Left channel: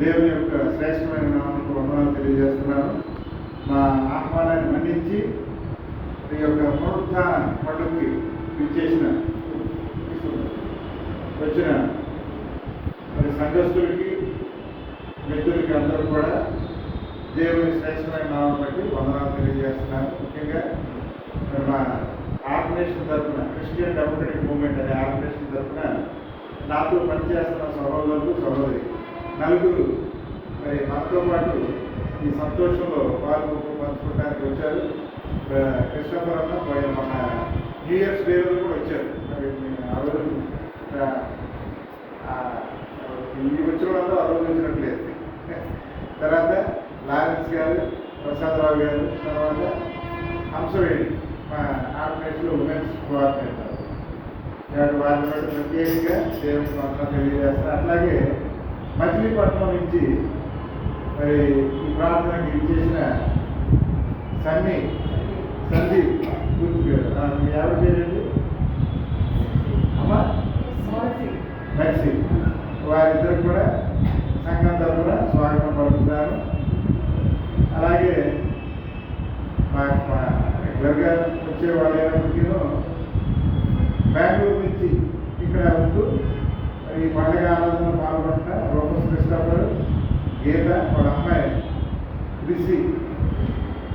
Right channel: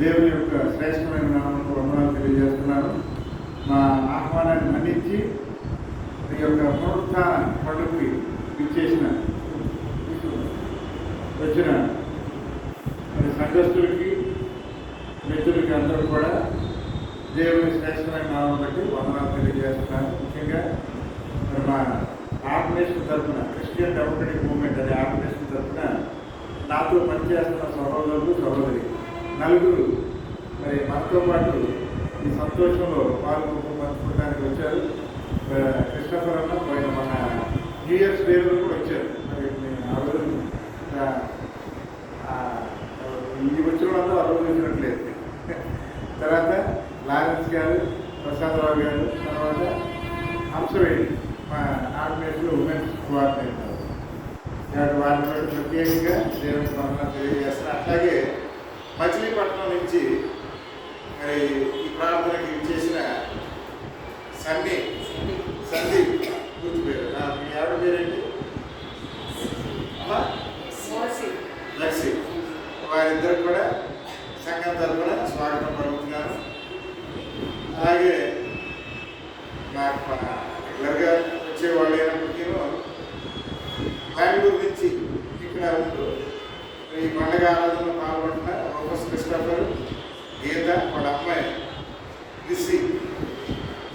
దేవుని యొక్క శ్రేష్టమైన నామంలో వందనాలు తెలియజేస్తున్నాను. మా ఆహ్వానాన్ని మన్నించి ఈ యొక్క పునరుత్థాన పండుగకి ఇచ్చేసిన వచ్చిన సంఘస్థులకి మిత్రులకి అందరూ కూడా దేవుని శ్రేష్టమైన నామం బట్టి వందనాలు తెలియజేస్తున్నాను. ముఖ్యంగా మా ఆర్గనైజేషన్ తరఫున క్రిస్టియన్ డెమోక్రటిక్ మూవ్మెంట్ అనే ఆర్గనైజేషన్ తరఫున నాతో పనిచేస్తున్న సహోదరులు సహోదరి నలుగురు మరి మనతో పాటు ఈ సంతోషంలో పంచుకోవడానికి వచ్చారు. కృష్ణాపురంలో మన న్యూ ఇయర్స్ డేలో కూడా వచ్చారు. మరి ఆ రోజు ఈ వచ్చిన వాళ్ళు ఆలోచించినట్లేదు. తర్వాత లారెన్స్ గారు, ప్రసాదరావు గారు, తర్వాత హంసవేడి మా ఆర్గనైజేషన్లో ఉమెన్స్ కోఆర్డినేటర్ వారి ప్రత్యేకంగా దేవుని వందనాలు తెలియజేస్తారు. అట్లాగే మచిలీపట్నం నుంచి మరి ఈ ప్రార్థనకి ఇచ్చేసిన సందీప్ పూర్తి పేరు మీ ఎవరి పేరేంటి అమ్మా నర్సి, వారిద్దరు కూడా సంఘం తరఫున స్వాగతం పలుకుతున్నాను. అలాగే మా రెగ్యులర్గా వచ్చేవాళ్ళు అయినప్పటికీ బెంగళూరు నుంచి ఇక్కడ ఉంటూ ఈ పండుగ ఆరాధనలో పాల్గొంటున్న ప్రొఫెసర్ క్రిస్టఫర్, గీత, వాళ్ళ అమ్మాయి క్రిస్సి,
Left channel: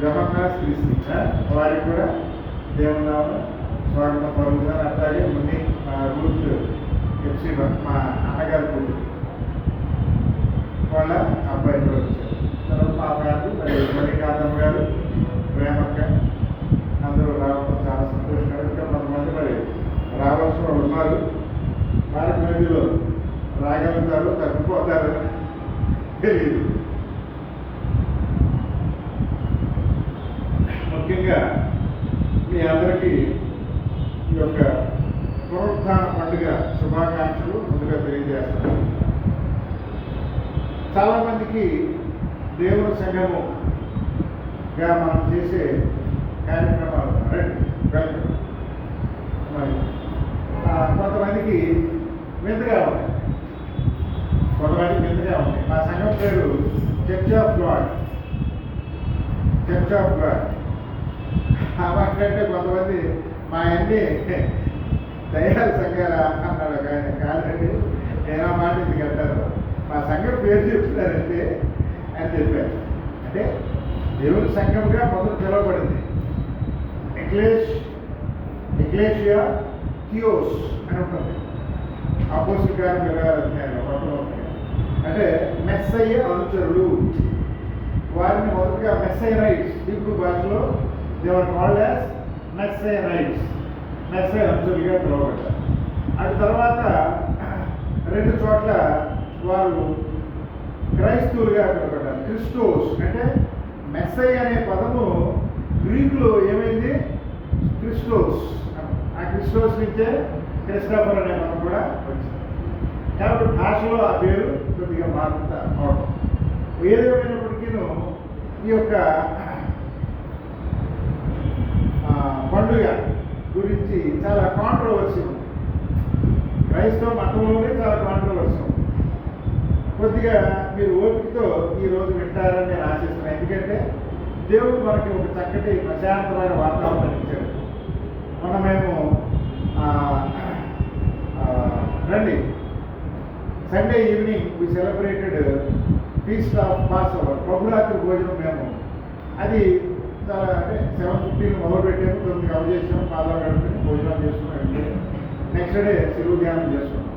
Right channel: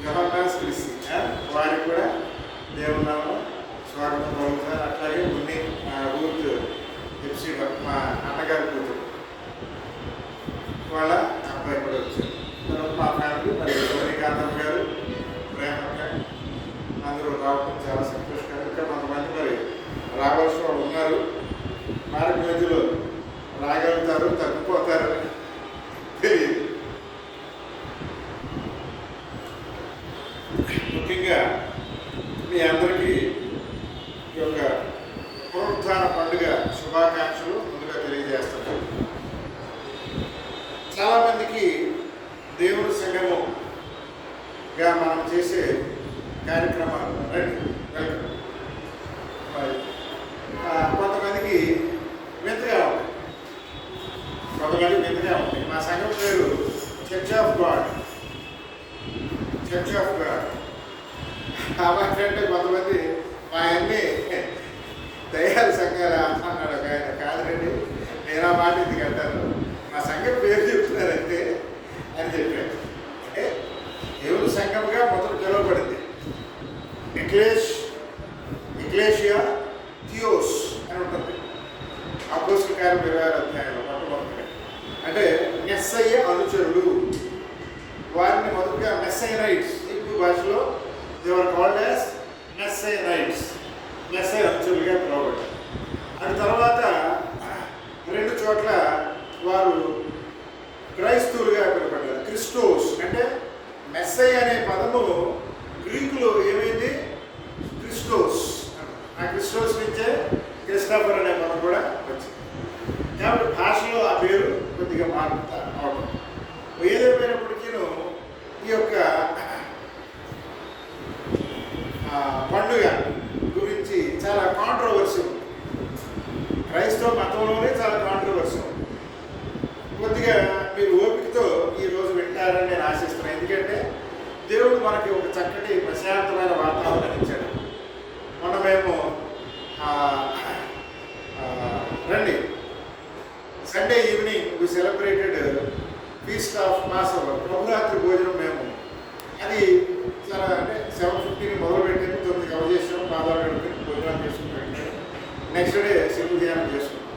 జబర్దాస్ క్రిస్సి, వారికి కూడా దేవుని నామం స్వాగతం పలుకుతున్నారు. అట్లాగే మున్ని రూత్ ఎఫ్సి మా అన్నగారి కూతురు వాళ్ళ అబ్బాయి కూడా వచ్చారు. తర్వాత మా ఫ్యామిలీ మరి మణికాంతమ్మ గారు, ప్రేమక్క అందరూ రావడం చాలా సంతోషకరం. ఇంకా కొంతమంది మరి రావాల్సిన వాళ్ళు ఉన్నారు. వారి మధ్యలో రాగలుగుతారు, తగ్గిపోతారు తెలియదు. ముఖ్యంగా మీ అందరికీ ఈ యొక్క పునరుత్థాన పండుగ శుభాకాంక్షలు ముందుగా తెలియజేస్తారు. చాలామందికి దేవుని సంఘముగా మనం చేసే కార్యక్రమాలు మరి కొంతమందికి వింతగా ఉంటాయి, మా సంఘం పేరు చర్చ్ ఆఫ్ గాడ్. అవంటే కొంతమంది మా అన్ని దయ్యాల సంఘాలు అన్నాడు ఆయన. కాదండి, నేను ఆ మాట ఎందుకు అంటాను, మా సంఘం పేరు చెప్తున్నారంటే అని చెప్పాడు. అంటే దేవుని సంఘంగా మొదలు పిలువబడింది ఎక్లేషియా థియోస్ అని ఉంటుంది అపోస్తలుల కార్యం 26వ అధ్యాయంలో మొట్టమొదటిగా. అంటే మెస్సయ్య అనుచరులు, వారిని మొదటిగా మెస్సైనైట్స్, హీబ్రూ భాషలో they were called as Messianites, మెస్సయ్య అనుచరులుగా పిలువబడ్డారు. అది తర్వాత 2 చోట్ల వారు క్రైస్తవులుగా పిలువబడ్డారు. క్రిస్టోస్ అంటే మెస్సయ్య అనే పదము గ్రీకులో ఏమైంది క్రిస్టోస్, ఆ క్రిస్టోస్ నుంచే క్రిస్టఫర్ అనే పదం కూడా వచ్చింది. కాబట్టి భాషలో ఆ పేరు కొద్దిగా మారుతారు. ఏదేమైనప్పటికీ ఈ యొక్క పండుగ గురించి చాలా కాంట్రవర్సీ ఉంది. క్రైస్తవ మతంలోనే చాలా కాంట్రవర్సీ ఉంది. కొద్దిగా మీరు ఓపికతో ఈరోజు వింటారని నేను ఆశిస్తున్నాను. ఎందుకంటే దేవుడు మనకి ఒక చక్కటి ప్రశాంతమైన వాతావరణం ఇచ్చాడు. మేము రండి Sunday evening we celebrated feast of Passover, ప్రభురాత్రి భోజనం. మేము అది చాలా అంటే 7:15 మొదలుపెట్టాము, 9 కవర్ చేసాము, పాదాలు కడుపుని భోజనాలు చేసుకుంటాం. నెక్స్ట్ డే శిలువ ధ్యానం చేసుకుంటాం.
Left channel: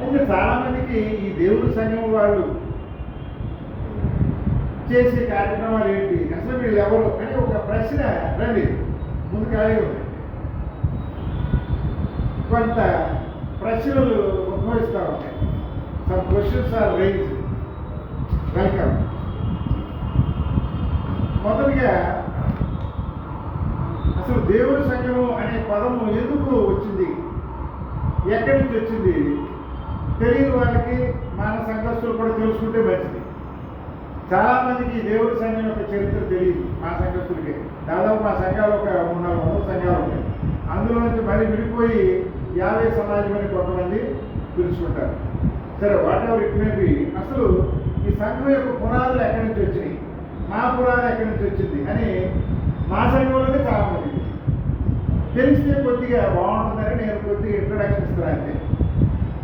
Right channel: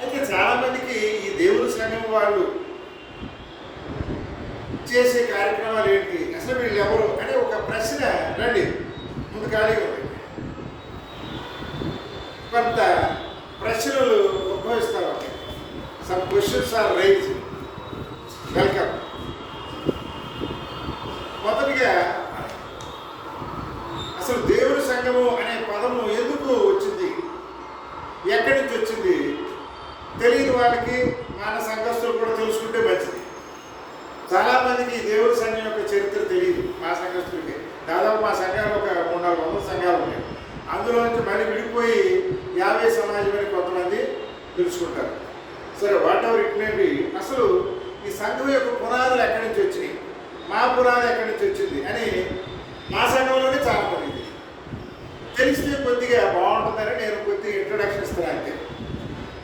అయితే చాలామందికి ఈ దేవుని సంఘం వాళ్ళు చేసే కార్యక్రమాలు ఏంటి, అసలు వీళ్ళు ఎవరు అనే ఒక ప్రశ్న రండి ముందు ఖాళీ ఉంది. కొంత ప్రశ్నలు ఉద్భవిస్తూ ఉంటాయి. Some questions are rise. Welcome. మొదటిగా అసలు దేవుని సంఘము అనే పదము ఎందుకు వచ్చింది, ఎక్కడి నుంచి వచ్చింది తెలియని వాళ్ళకి మన సంఘస్థులు కూడా తెలుసుకుంటే మంచిది. చాలామందికి దేవుడి సంఘం యొక్క చరిత్ర తెలియదు. మా సంఘస్థులకి దాదాపు మా సంఘాలు ఒక 300-400 సంఘాలు ఉన్నాయి. అందులో నుంచి మళ్ళీ విడిపోయి 50 సమాజం అని కొంతమంది తెలుసుకుంటారు. సరే, what ever it may be, అసలు ఈ సంఘం యొక్క పునాదులు ఎక్కడి నుంచి వచ్చినాయి, మా పునాది ఎక్కడి నుంచి వచ్చింది అని మా సంఘంలోనే చాలా మంది తెలిస్తే కొద్దిగా బాగుంటుందని నేను కొద్దిగా ఇంట్రొడక్షన్ ఇస్తున్నాను అంతే.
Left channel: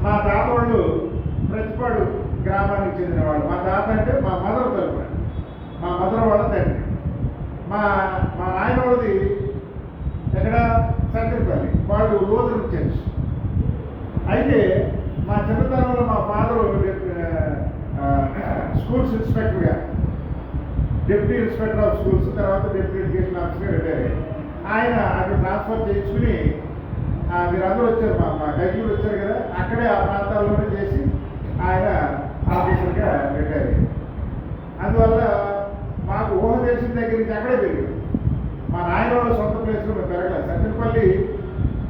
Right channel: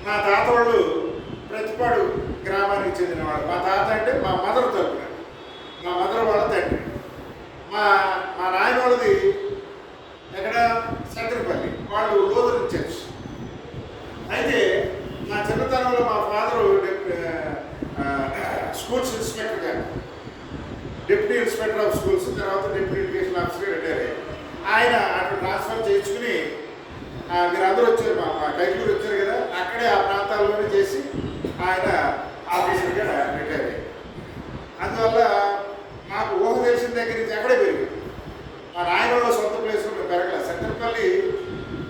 మా తాత వాళ్ళు ప్రతిపాడు గ్రామానికి చెందినవాడు. మా తాత అంటే మా మదర్ తరపున, మా మదర్ వాళ్ళ తండ్రి. మా మా నాయన వాళ్ళది ఎక్కడ సంతరిపల్లి, వాళ్ళు లోదరు చర్చ్. అయితే మా చిన్నతనంలో మా ఫాదరు స్కూల్స్ ఇన్స్పెక్టర్గా, డిప్యూటీ ఇన్స్పెక్టర్ ఆఫ్ స్కూల్స్, తర్వాత డిప్యూటీ ఎడ్యుకేషన్ ఆఫీసర్గా రిటైర్ అయ్యారు. ఆయన అటు ట్రాన్స్ఫర్ చేయించుకుని మీరు అందరూ వచ్చారు, మా డైలూరు వచ్చారు కదా, అక్కడే ఆ ప్రాంతాల్లోనే చేసి ఆయన ఆఫీసర్గా రిటైర్ అయ్యారు. అందువల్ల మాకు ఊహ తెలిసిన దగ్గర నుంచి అక్కడే పెరిగారు. మా నాయన వాళ్ళ సొంత ప్లేస్లో మేము పెరగలేదు. సంతపల్లి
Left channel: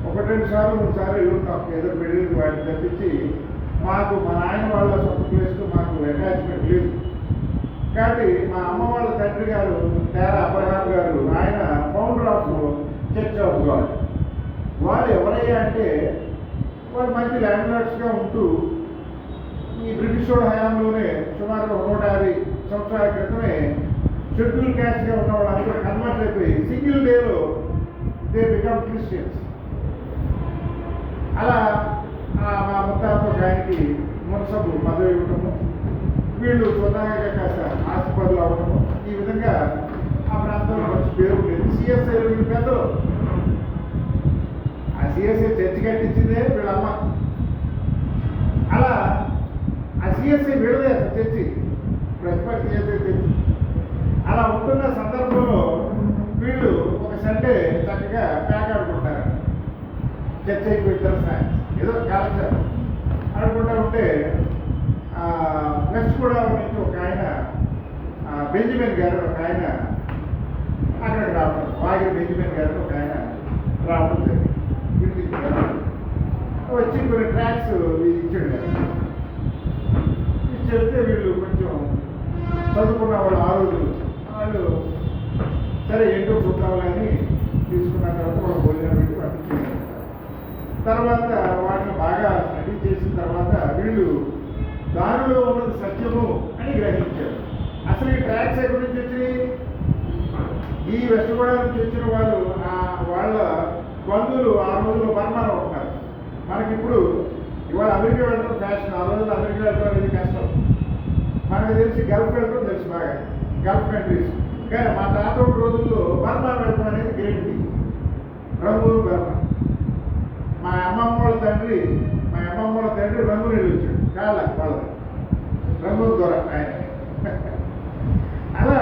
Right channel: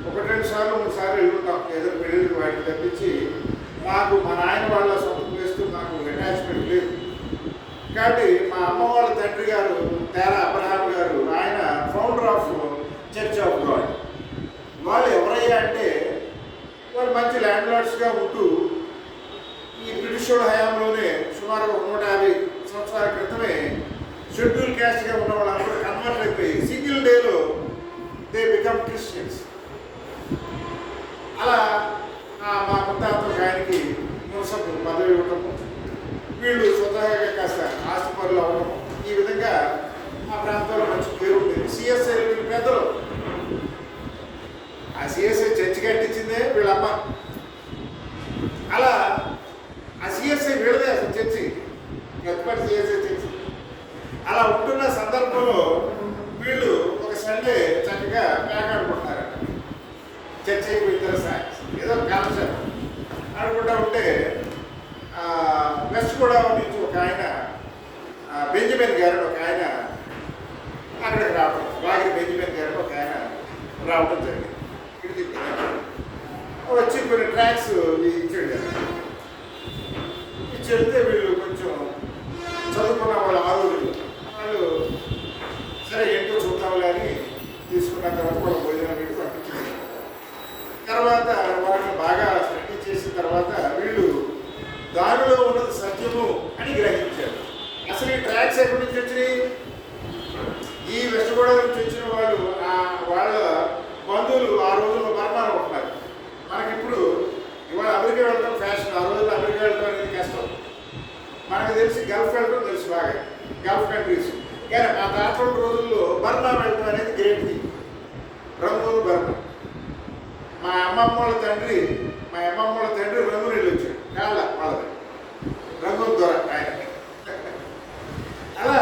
1-2 సార్లు 3 సార్లు వెళ్ళుంటాం ఏదో పెళ్ళి వాటిని తప్పించి. మాకు మా నాయన వాళ్ళ సొంత ప్లేస్తో మాకు అటాచ్మెంట్ లేదు. కాబట్టి మా అమ్మ వాళ్ళ తండ్రి గారు తేరా అబ్రహాం గారు, ఆయన founder of church of God. వాళ్ళు ఎవరయ్యా అంటే వాళ్ళు మంచి ల్యాండ్ లార్డ్స్గా ఉంటూ ఈ బ్రిటిష్ వాళ్ళ హయాంలోనే సుమారు 150 సంవత్సరాల క్రితమే షెడ్యూల్ క్యాస్ట్గా ఉన్న వాళ్ళందరూ కన్వర్ట్ అయిపోయి సింగిల్ డేలో దే బికమ్ క్రిస్టియన్స్. అలా మా ముత్తాత ఆయనకి మునసబు పదవి ఇవ్వటము, వీళ్ళు స్వతహాగా కాస్త ఆస్తిపరులు అవ్వడము, ఈ విధంగా ఆ ప్రాంతంలో మంచి పేరు ఉండేది. సిఎస్ఐ వీళ్ళు పెద్దలు. ఆ సిఎస్ఐ చర్చి కట్టించిందే వీళ్ళమ్మ. అలా ఆ సిఎస్ఐ వీళ్ళదే చర్చి, ప్రతిపాటి సిఎస్ఐ చర్చి. అలా ఉంటున్న సందర్భంలో వీళ్ళు ఒక సండే చక్కగా పేకాడుకుంటున్నారు. చర్చ్ అయిపోయిన తర్వాత ఏదో కాలక్షేపం ఆడుకుంటూ ఉంటే వెస్ట్ గోదావరి నుంచి ఒక ఆయన బెంజమిన్ గారు ఒక ఆయన అక్కడికి రావడం, వాగిరి బెంజమిన్ గారు ఒక ఆయన రావడం జరిగింది. వచ్చి కొన్ని ట్రాక్స్ ఇచ్చాడు కదా, ఇచ్చి వెళ్తే వీళ్ళు కొంచెం చదువుకున్న వాళ్ళు ఆ రోజులు వాళ్ళు సరే ఏంటో చూద్దాం కానీ తీసుకున్న తర్వాత వాళ్ళు భోజనం పెట్టి పంపించేసారు. తర్వాత వాటిని బాగా స్టడీ చేసిన తర్వాత వీళ్ళు దారిలో ఉన్నది సత్యము అని గ్రహించారు. అసలు ఈ ట్రాక్స్ ఎక్కడి నుంచి వచ్చినాయి? ఈ వెస్ట్ గోదావరి నుంచి వచ్చిన వాళ్ళు వాళ్ళ బంధువులు ఆ రోజుల్లో బర్మాలో ఉంటున్నారు. మనకి ఇప్పుడు ఇవాళ అమెరికా వెళ్ళడం ఫ్యాషన్, ఆ రోజుల్లో అమెరికా వెళ్ళడం అనేది కష్టం. మనకు తెలిసి గల్ఫ్ వెళ్ళడం తెలుసు బాగా, గల్ఫ్ కంట్రీస్. కానీ మా తాత రోజుల్లో బర్మా వెళ్ళడం అనేది గ్రేట్ థింగ్. రంగూన్ బర్మా. మా అమ్మమ్మ వాళ్ళ తండ్రి రంగుని వెళ్ళి వచ్చాడు కాళ్ళ వాళ్ళది, రంగుల దొర ఆయన. అలా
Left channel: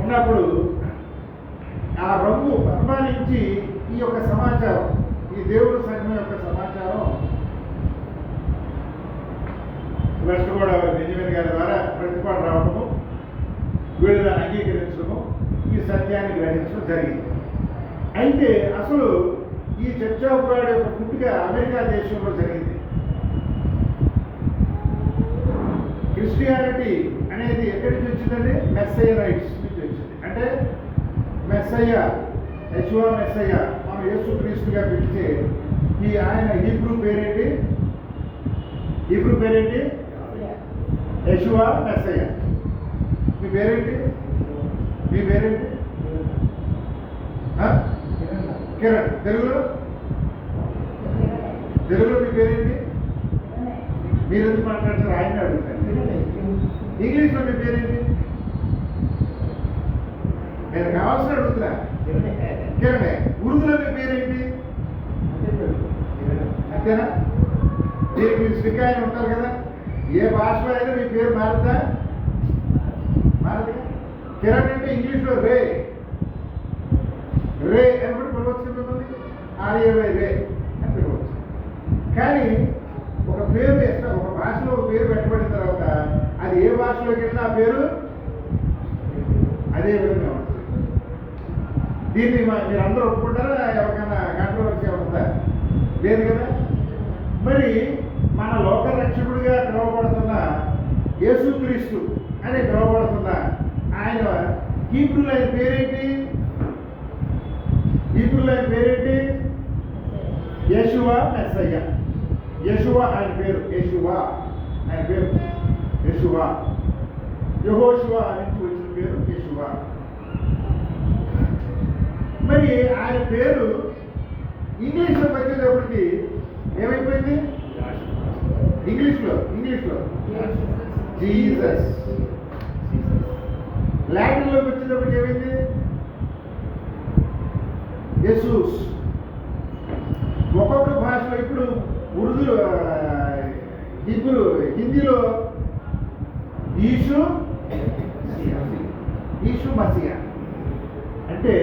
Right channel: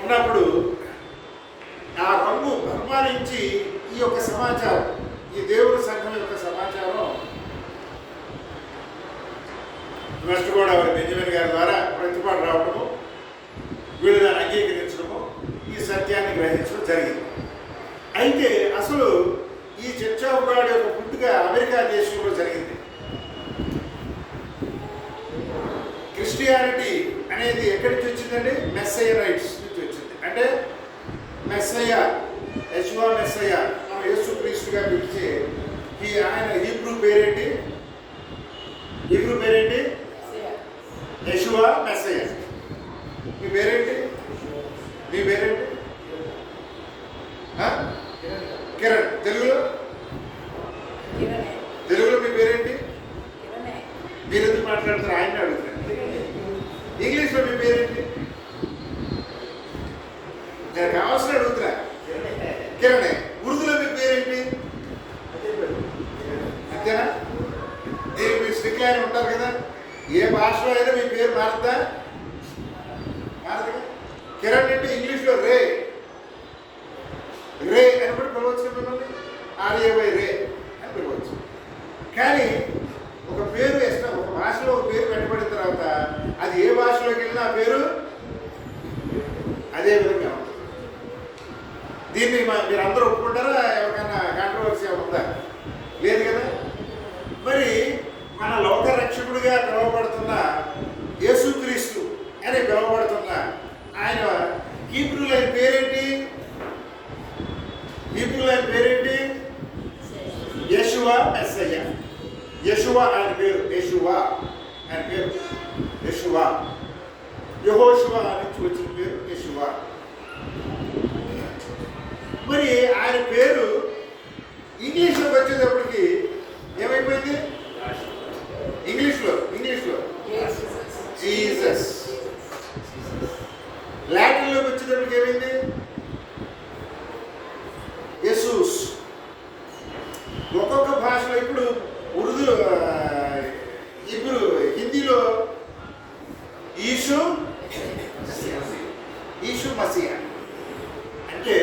ఉన్నప్పుడు ఆ రంగు బర్మా నుంచి ఈ యొక్క సమాచారం, ఈ దేవుడి సంఘం యొక్క సమాచారం వెస్ట్ గోదావరి బెంజమిన్ గారి ద్వారా ప్రతిపాటు రావడము, వీళ్ళు దాన్ని అంగీకరించడము, ఈ సత్యాన్ని గ్రహించడం జరిగింది. అయితే అసలు ఈ చర్చ్ ఆఫ్ గాడ్ యొక్క పుట్టుక అమెరికా దేశంలో జరిగింది. క్రిస్టియానిటీ అనేది ఎక్కడి నుంచి వచ్చిందండి? మెస్సైనైట్స్ నుంచి వచ్చింది. అంటే మెస్సయ్య, యెషువా మెస్సయ్య, మనం యేసుక్రీస్తుగా పిలిచే ఈ ఆయన హీబ్రూ పేరేంటి? యెషువా మెస్సయ్య. మీ పేరేంటి? కిరణ్. తెలుగులో మీ పేరేంటి? మీరు ఎందుకు మాట్లాడుతారు? ఆయన అడుగుతారు. ఇంగ్లీష్లో మీ పేరేంటి? నేను కావాల్సిన అడుగుతున్నా. కిరణే. ఉర్దూలో మీ పేరేంటి? అంతేనా? దీనికి మీరు స్టిక్ ఆయన ఉంటారు కదా, ఏ భాషలో అయినా మీ పేరు మారుద్దా? మారదు. కిరణ్ అంటే ఇంగ్లీష్లో రే అని కూడా పిలవచ్చు మిమ్మల్ని, RAY రే అని పిలవచ్చు. కానీ ఒక పేరు వేస్తాం, ఒక భాషలో ఒక పేరు పెట్టబడిన తర్వాత అది ఏ భాషలోకి వెళ్ళినా ఆ పేరు అదే విధంగా ఉంటుంది. దీన్ని మీరు అందరూ ఒప్పుకుంటారా? ఎవరికైనా కాంట్రవర్సీ ఉందా? లేదు కదా. మరి మన లోక రక్షకుడిగా పిలువబడుతున్న యేసుక్రీస్తు అని పిలువబడుతున్న ఆయన హీబ్రూలో ఆయన పేరేంటి? యెషువా మెస్సయ్య. యెషువా ఆయన పేరు. యెషువా. యెహోషువ నుంచి వచ్చిన పేరు యెషువా. మరి ఆయన పేరు ఇంగ్లీష్లోకి వచ్చేటప్పటికి ఏమైపోయింది? ఇంగ్లీష్లో జీసస్. లాటిన్లోకి వచ్చేటప్పటికి ఏమైంది? యెసూస్. ఒక్కొక్క భాషలో ఇప్పుడు ఉర్దూ, హిందీలో ఈషు మసియా. అంటే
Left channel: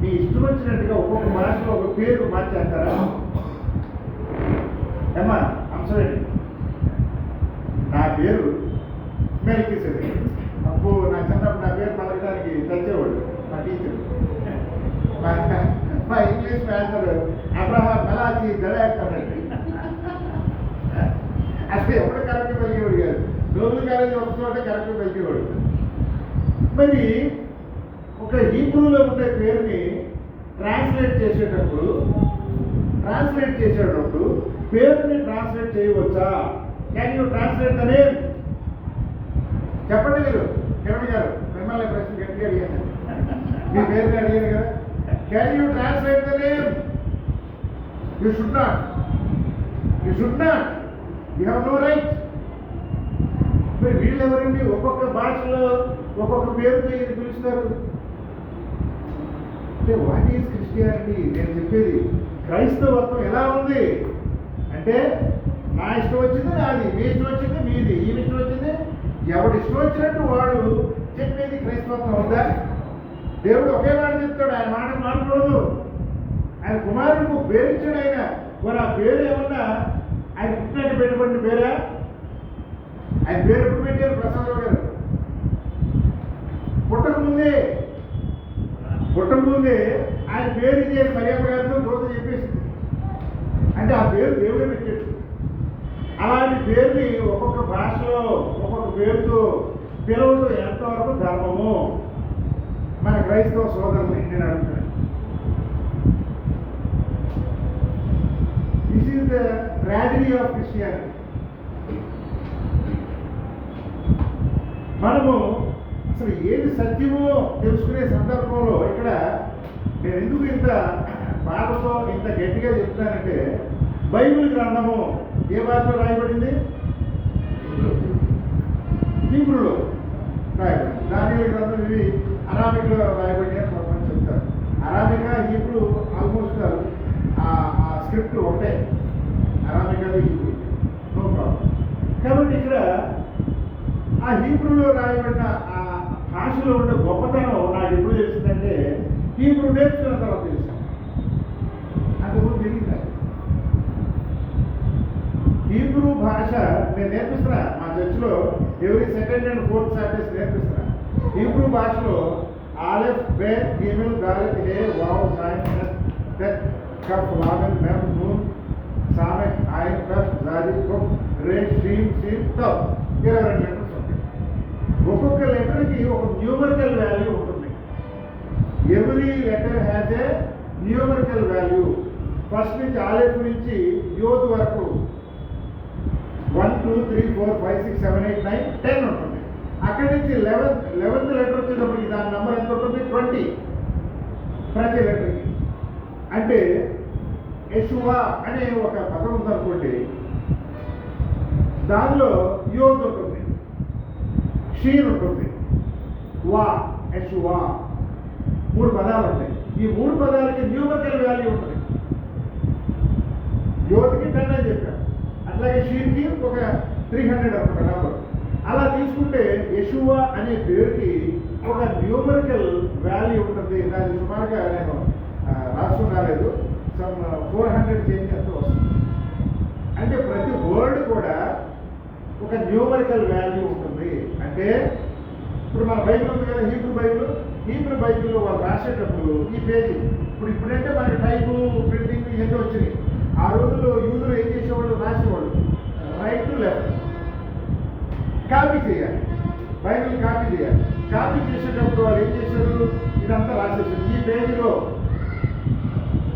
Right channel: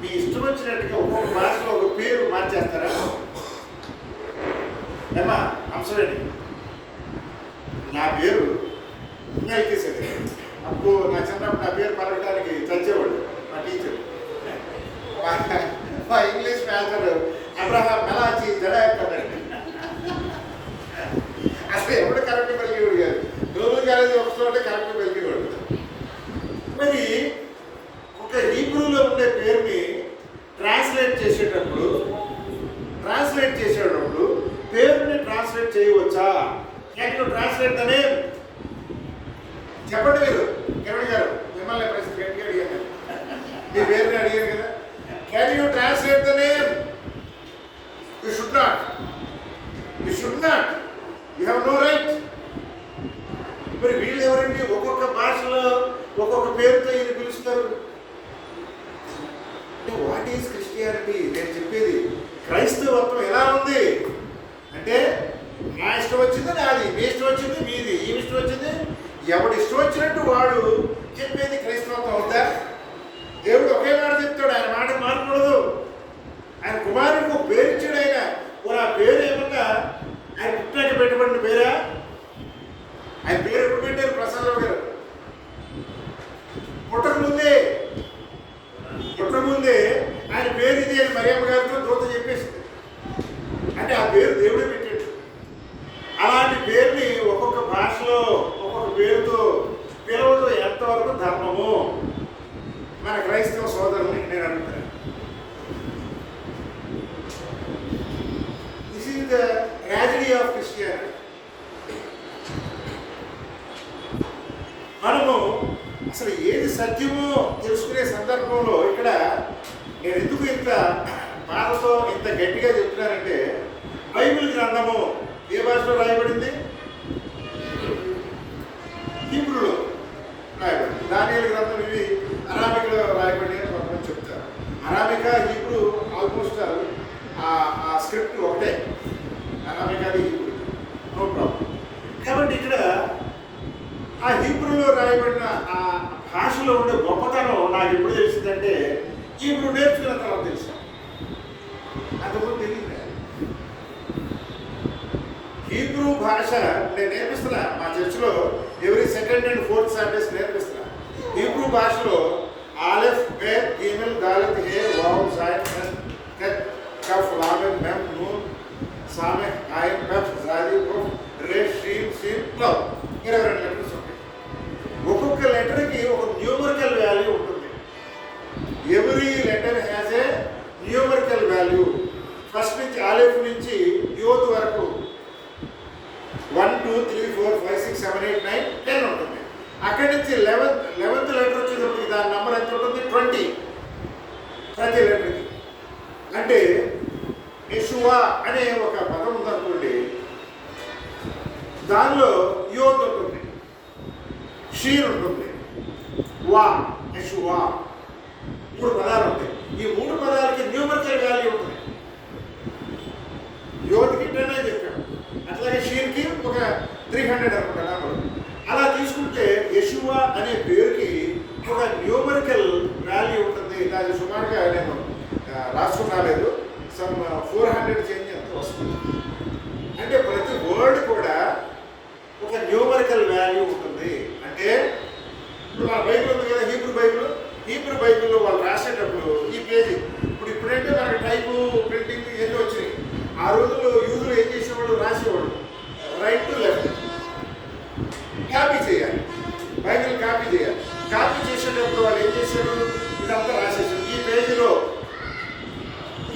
మీ ఇష్టం వచ్చినట్టుగా ఒక్కొక్క భాషలో ఒక పేరు మార్చేస్తారా? ఏమా అంశమేంటి? నా పేరు మెల్కీసెదెకు. అప్పుడు నా చిన్నప్పుడు నా పేరు పలకడానికి చచ్చేవాడు మా టీచర్. మా ఇంగ్లీష్ మాస్టర్ అబ్రహాం మెలాచి జడాయిస్తాడండి. అసలు ఎప్పుడు కరెక్ట్ పలికేవాడు కాదు. రోజు కాలేజీ ఒక చోట కరెక్ట్ పలికేవాడు. మరి ఒక హీబ్రూలో ఉండే పేరుని ట్రాన్స్లేట్ చేసేటప్పుడు పేరుని ట్రాన్స్లేట్ చేయవచ్చా? Can you translate the name? చెప్పండి మీరు. కిరణ్ గారు, మిమ్మల్ని ప్రశ్న గట్టిగా అడిగాను. మీ పేరుని అడిగారు కదా. Can you translate the name? You should not. You have no right. మరి వీళ్ళు ఎవరండి? ఒక్కొక్క భాషలో ఒక్కొక్క పేరుతో ఈయన పిలుస్తారు. అంటే వాట్ ఈజ్ క్రిస్టియానిటీ? నేను చెప్పేది క్రైస్తవత్వం ఎలా ఉంది అంటే, నా ఇష్టం వచ్చింది నాది, మీ ఇష్టం వచ్చింది మీది, ఈ ఇష్టం వచ్చింది ఎవడు ఇష్టం వచ్చినట్టు వాడు చెప్పేది క్రైస్తవత్వం అవుతా? దేవుడు ఒకే మాట చెప్తాడు, ఆయన మాట మారకూడదు. ఆయన కుమారుడికి ఒక పేరు ఇచ్చాడు. ఆయన ఆ పేరు ఏమన్నా ఆయన పుట్టినాక పెట్టబడిన పేరా? ఆయన పేరు ఎప్పుడు పెట్టారు? ప్రసాదరావు గారు పుట్టకముందే ఆయన పేరు ఇది అని మరియమ్మ గారితో దూత చెప్పేసింది. అంటే ఆ పేరు దేవుడే పెట్టాడు. అలాంటి పేరుని ఒక్కొక్క భాషలో ఒక్కొక్క పేరుతో పిలవడం ఎంతవరకు ధర్మము? మన క్రైస్తవ సోదరులకి నేను అడుగుతాను. This is the tragedy of Christianity. మనము అసలు ఏది సత్యమో తెలుసుకునే సందర్భంలో ఇక్కడ నేను ఎందుకు ఇంత బాధతో ఇంత గట్టిగా చెప్తున్నానంటే, బైబిల్ గ్రంథము ఏ భాషలో రాయబడింది? హీబ్రూలో రాయబడింది. దానియేలు గ్రంథం ఇవి అరాబిక్లో రాయబడి అని కొంతమంది చెప్తారు. అరాబికా హీబ్రూ ఆల్మోస్ట్ ఆ స్క్రిప్ట్ ఒకటే. అరాబికాది హీబ్రూ, నో ప్రాబ్లం. కాబట్టి ఇక్కడ ఆ హీబ్రూలో రాయబడిన ఆ భాషలో ఉండే గొప్పతనం నాకు ఎప్పుడు తెలిసిందంటే, హీబ్రూ నేర్చుకున్న తర్వాత తెలుసు. అంతకుముందు తెలియదు. హీబ్రూ భాష నేను నేర్పిస్తున్నా మా చర్చిలో every second and fourth Saturdays నేర్పిస్తున్నా. హీబ్రూ భాషలో ఆలెఫ్, బేత్, గీమెల్, దాలత్, హే, వావ్, సాయిన్, కత్, కఫ్, లామెల్, మెమ్, నూన్, సామెహ్, ఐన్, కఫ్, జాది, కుఫ్, రేష్, షీన్, షీన్, టవ్ 22 లెటర్స్ ఉంటాయి. ఒక్కొక్క లెటర్కి ఒక న్యూమరికల్ వాల్యూ ఉంటుంది. Every letter has a numerical value. First నుంచి ఆలెఫ్ నుంచి యోద్ వరకు 1 2 3 4 5 6 7 8 9 10 ఉంటుంది. అక్కడి నుంచి 11th లెటర్ వచ్చేటప్పటికి దాని నెంబర్ ఎంత ఉంటుంది? 20 ప్రతి లెటర్కి. అంటే యెషువా అనే ఒక పదం ఉందనుకోండి, దానిలో యోద్ ఉంటుంది, షీర్ ఉంటుంది, వా, యెషువా, 3 పదాలు ఉంటాయి. ఈ 3 పదాలకి న్యూమరికల్ వాల్యూ ఉంటుంది. యోద్కి 10 అని చెప్పాడు, అట్లాగే షీర్కి ఒక 300 అనుకుంటా నెంబర్. అలా తీసుకుంటే యెషువా అనే పేరుకి ఒక న్యూమరికల్ వాల్యూ ఉంటుంది. అది సుమారుగా నేను రాసుకుని రాలేదు, సమ్ 400 చేంజ్ అంత వస్తుంది. అంటే ప్రతి వర్డ్ కూడా ఒక న్యూమరికల్ వాల్యూ ఉంటుంది. అంటే ఇప్పుడు మన బైబిల్ ఉంది కదా, హీబ్రూ బైబిల్లో వాళ్ళు రాసేటప్పుడు ఈ పేజీ ఇప్పుడంటే మనకి టైపు, ప్రింటింగ్ ఇవన్నీ వచ్చినాయి. ఆ రోజుల్లో యూదులు ఏం చేసేవాళ్ళు? రాసేవాళ్ళు రైట్ టు లెఫ్ట్. కాపీ చేయాలి, బైబిల్ కాపీ చేయాలి. కాపీ చేసేటప్పుడు వాళ్ళు ఏం చేసేవాళ్ళు? ఇదంతా రాసేసారు. ఈ పేజీలో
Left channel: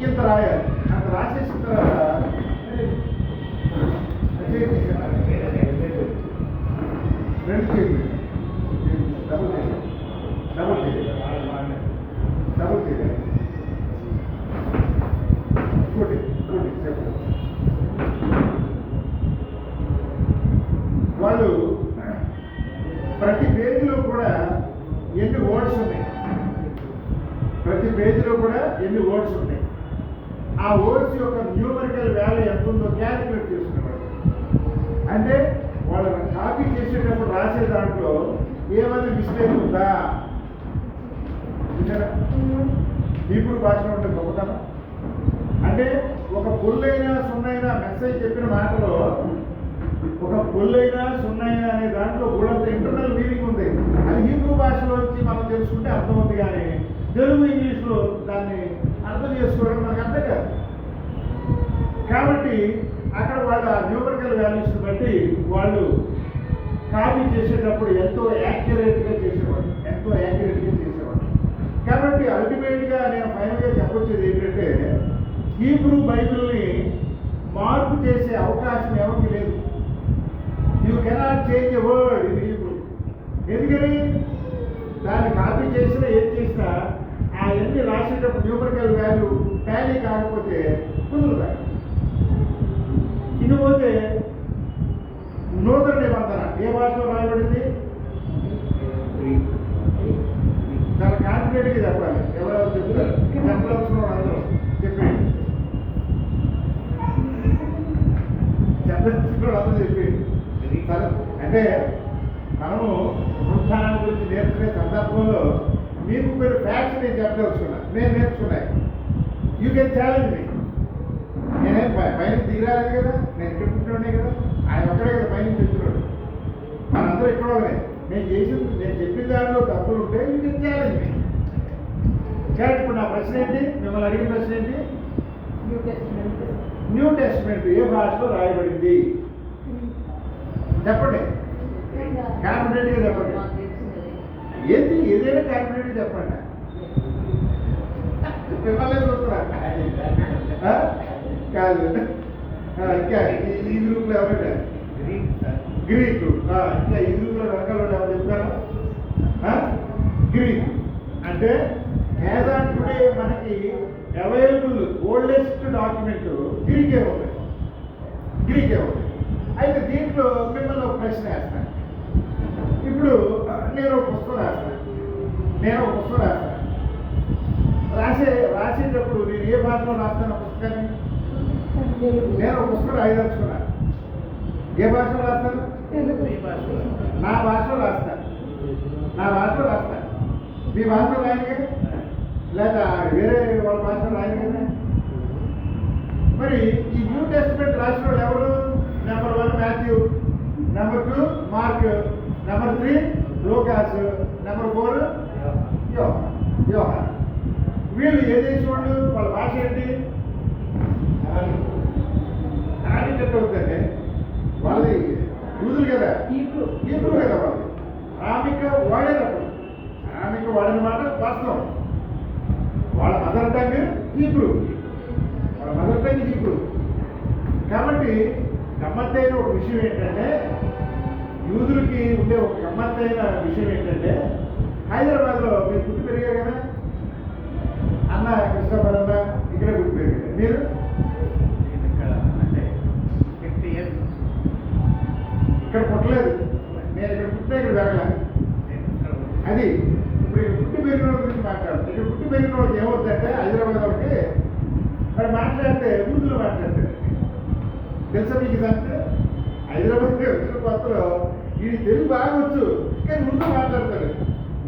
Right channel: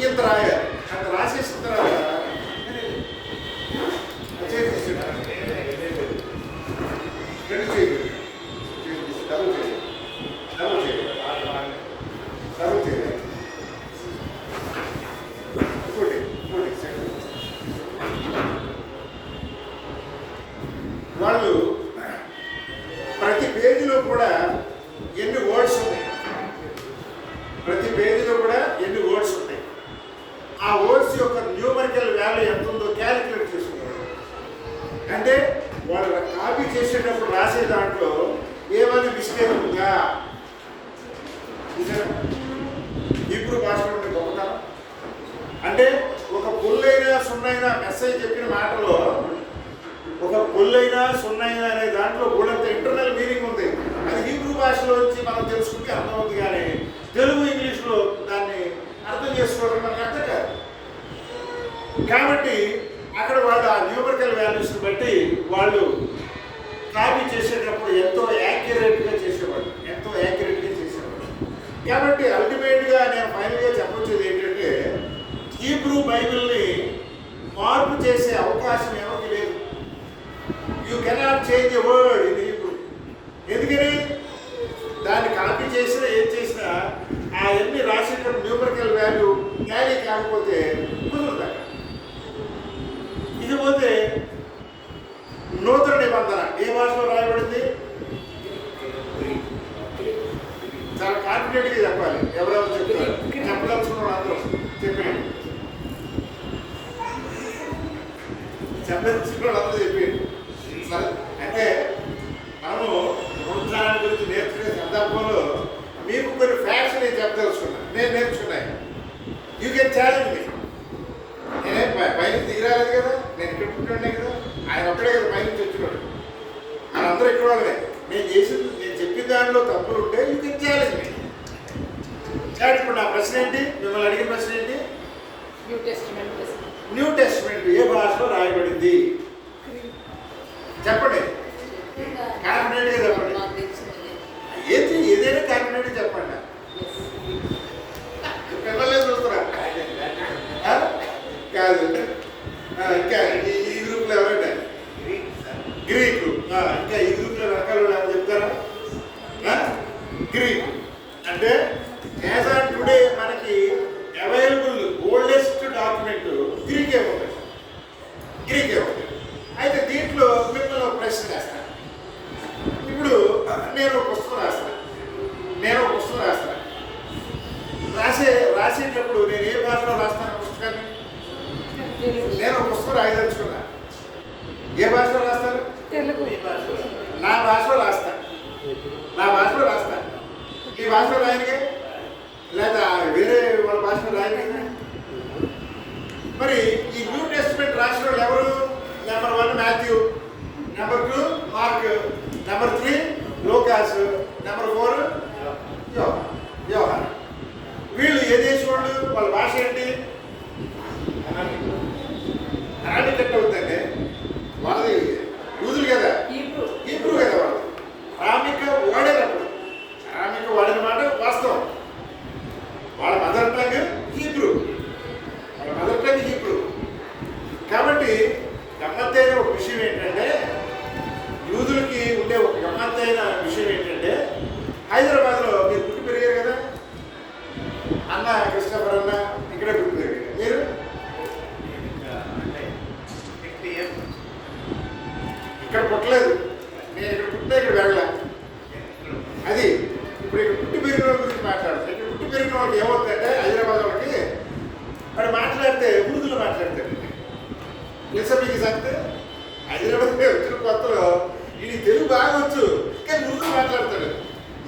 ఇంత రాయాలి. అంత రాసేసిన తర్వాత రెండు చేయి డబుల్ చేయి డబుల్ చేయి డబుల్ చేయి ఇంకోటి ఇంకోటి సెకండ్. వాళ్ళు ప్రతి పేజీలో కూడా ఎన్ని వర్డ్స్ ఉన్నాయి, ప్రతి పేజీలో కూడా ఎన్ని వర్డ్స్ ఉన్నాయి, ఆ వర్డ్స్ యొక్క న్యూమరికల్ వాల్యూ ఎంత ఉందో క్యాలిక్యులేట్ చేసుకునేవాడు. అంటే వాళ్ళు కాపీ చేసేటప్పుడు రాసే దాంట్లో ఏమైనా మిస్టేక్ ఉందా. ఇప్పుడు భాషలో ఉండే గొప్పతనం అంటే ఒక పుల్లైనా సున్నైనా మెసేజ్ చెప్పిన మాటలో ఒక పుల్లైనా సున్నైనా అనే దాంట్లో కూడా ఇంటర్నల్ మీనింగ్ ఉంది. అది హీబ్రూ భాషలో వచ్చి మనం తెలుసుకుంటే అర్థమవుతుంది, కానీ తెలుగు ఇంగ్లీష్లో దాన్ని అర్థం చేసుకోవడం మనకు అర్థం కాదు. కాబట్టి అక్కడ వాళ్ళు ఆ న్యూమరికల్ వాల్యూస్ని బట్టి వాళ్ళు కాపీ చేసేటప్పుడు ఎంతో యాక్యురేట్గా చేసేవాళ్ళు, ఎంతో యాక్యురేట్గా చేసేవాళ్ళు. కాబట్టి అల్టిమేట్గా నేను ఫైనల్గా చెప్పొచ్చేది ఏంటంటే హీబ్రూ బైబిల్ని మార్పు చేసే అవకాశం ఎవరికి లేదు. You cannot change a word in Hebrew. ఎందుకని దాన్ని కాపీ చేసినా ఏం చేసినా అవన్నీ రాసేటప్పుడు న్యూమరికల్ వాల్యూ టాలీ కాకపోతే కుదురుతాయి. ఇకపోతే నూతన నిబంధన ఏ భాషలో రాయబడింది? చాలా కాన్ఫిడెంట్గా చెప్పాలి. ఎవరెవరు చెప్తారు? చెప్పదలుచుకున్న అందరూ చెప్పేయండి. చెప్పదలుచుకున్న అందరూ చెప్పేయండి. సరే, అంటే మనము పునరుత్థానం గురించి నేర్చుకునే సందర్భంలో మీకు కొన్ని ఫ్యాక్ట్స్ నేను చెప్పదలుచుకున్నా, నేను నేర్చుకున్నాను. యూ కెన్ ఛాలెంజ్ మీ. నేనే పైన తీరాలేదు కదా, నేను ఇక్కడ పుట్టానే కదా, ఆయన ఒక్కడే కదా పైనుంచి వచ్చినాడు. మనందరూ ఇక్కడ వాళ్ళే. నేను చెప్పిన దాంట్లో తప్పులు ఉంటే యూ కెన్ ఛాలెంజ్ మీ. చాలు. ఇప్పుడు నా ప్రశ్న ఏంటి? మిమ్మల్ని అడిగిన ప్రశ్న ఏంటి? న్యూ టెస్ట్మెంట్ ఏ భాషలో రాయబడింది? చెప్పండి, కాన్ఫిడెంట్గా చెప్పండి. ఏదైనా కాన్ఫిడెంట్గా చెప్పండి. పిల్లలే చూస్తారా? కాదు. ఇంకా ఈ గ్రూప్లో ఎవరంటే గ్రీకు. ఇంకా ఈ గ్రూప్లో రకాలు ఎవరు చెప్తారా? గ్రీకు అంటే యాజ్ ఆన్ టుడే మనకి అవైలబుల్ ఓల్డెస్ట్ డాక్యుమెంట్ గ్రీకే ఉంది. గ్రీకే ఉంది. అయితే దీంట్లో మిమ్మల్ని ఒక ప్రశ్న వేస్తాను. ఇప్పుడు నేను ఒక పుస్తకం రాస్తాను. రాసేటప్పుడు నేను ఏ భాషలో రాస్తాను పుస్తకాన్ని? నేను ఒక పుస్తకం రాయదలుచుకున్నా. ఏ భాషలో రాస్తాను? నా భాషలో రాస్తాను. మీ భాషలో రాయనిగా, లేదా వేరే వాళ్ళ భాషలో రాయనిగా. మరి ఈ న్యూ టెస్ట్మెంట్ రాసిన వాళ్ళు ఎవరు? Number 1 Matthew, number 2 mark, number 3 లూకాస్, నెంబర్ 4 యోహాను. వీళ్ళు ఏ దేశం వాళ్ళు? వాళ్ళ భాష ఏంటి? అరాబిక్ కట్ అవుతుందండి. వాళ్ళది యూదులు కదా, హీబ్రూ కదా. వాళ్ళు అరాబిక్ వాడేటప్పుడు అరాబిక్ వాడిన మాట వాస్తవం. వాళ్ళ మదర్ టంగ్ హీబ్రూ. కాబట్టి గమ్మత్తైన ఒక విషయం ఏంటంటే, యూదులకి ఉండే ఒక గమ్మత్తైన విషయం ఏంటంటే, హైదరాబాద్లో మీరు పుట్టి పెరిగారు కదా, అన్న కృష్ణపర్ అన్న ఇక్కడే పుట్టి పెరిగారు. మీరు ఇక్కడ పుట్టలేదు. నేను ఇక్కడ పుట్టినా ఇక్కడ వెళ్ళా. అది ఇప్పుడు ఇక్కడ పుట్టి పెరిగిన వాళ్ళ గురించి మాట్లాడుతాను. ఇక్కడ పుట్టి పెరిగిన వాళ్ళకి ఏమవుతుందంటే, హైదరాబాద్ వాళ్ళకి వాడు మాట్లాడితే ఉర్దూలో మాట్లాడతాడు. తెలుసా మీకు సంగతి? హైదరాబాద్ వచ్చిన కొత్తలో ఇది తెలుగు బాగా వచ్చు, కానీ ఉర్దూ మాట్లాడతాడు.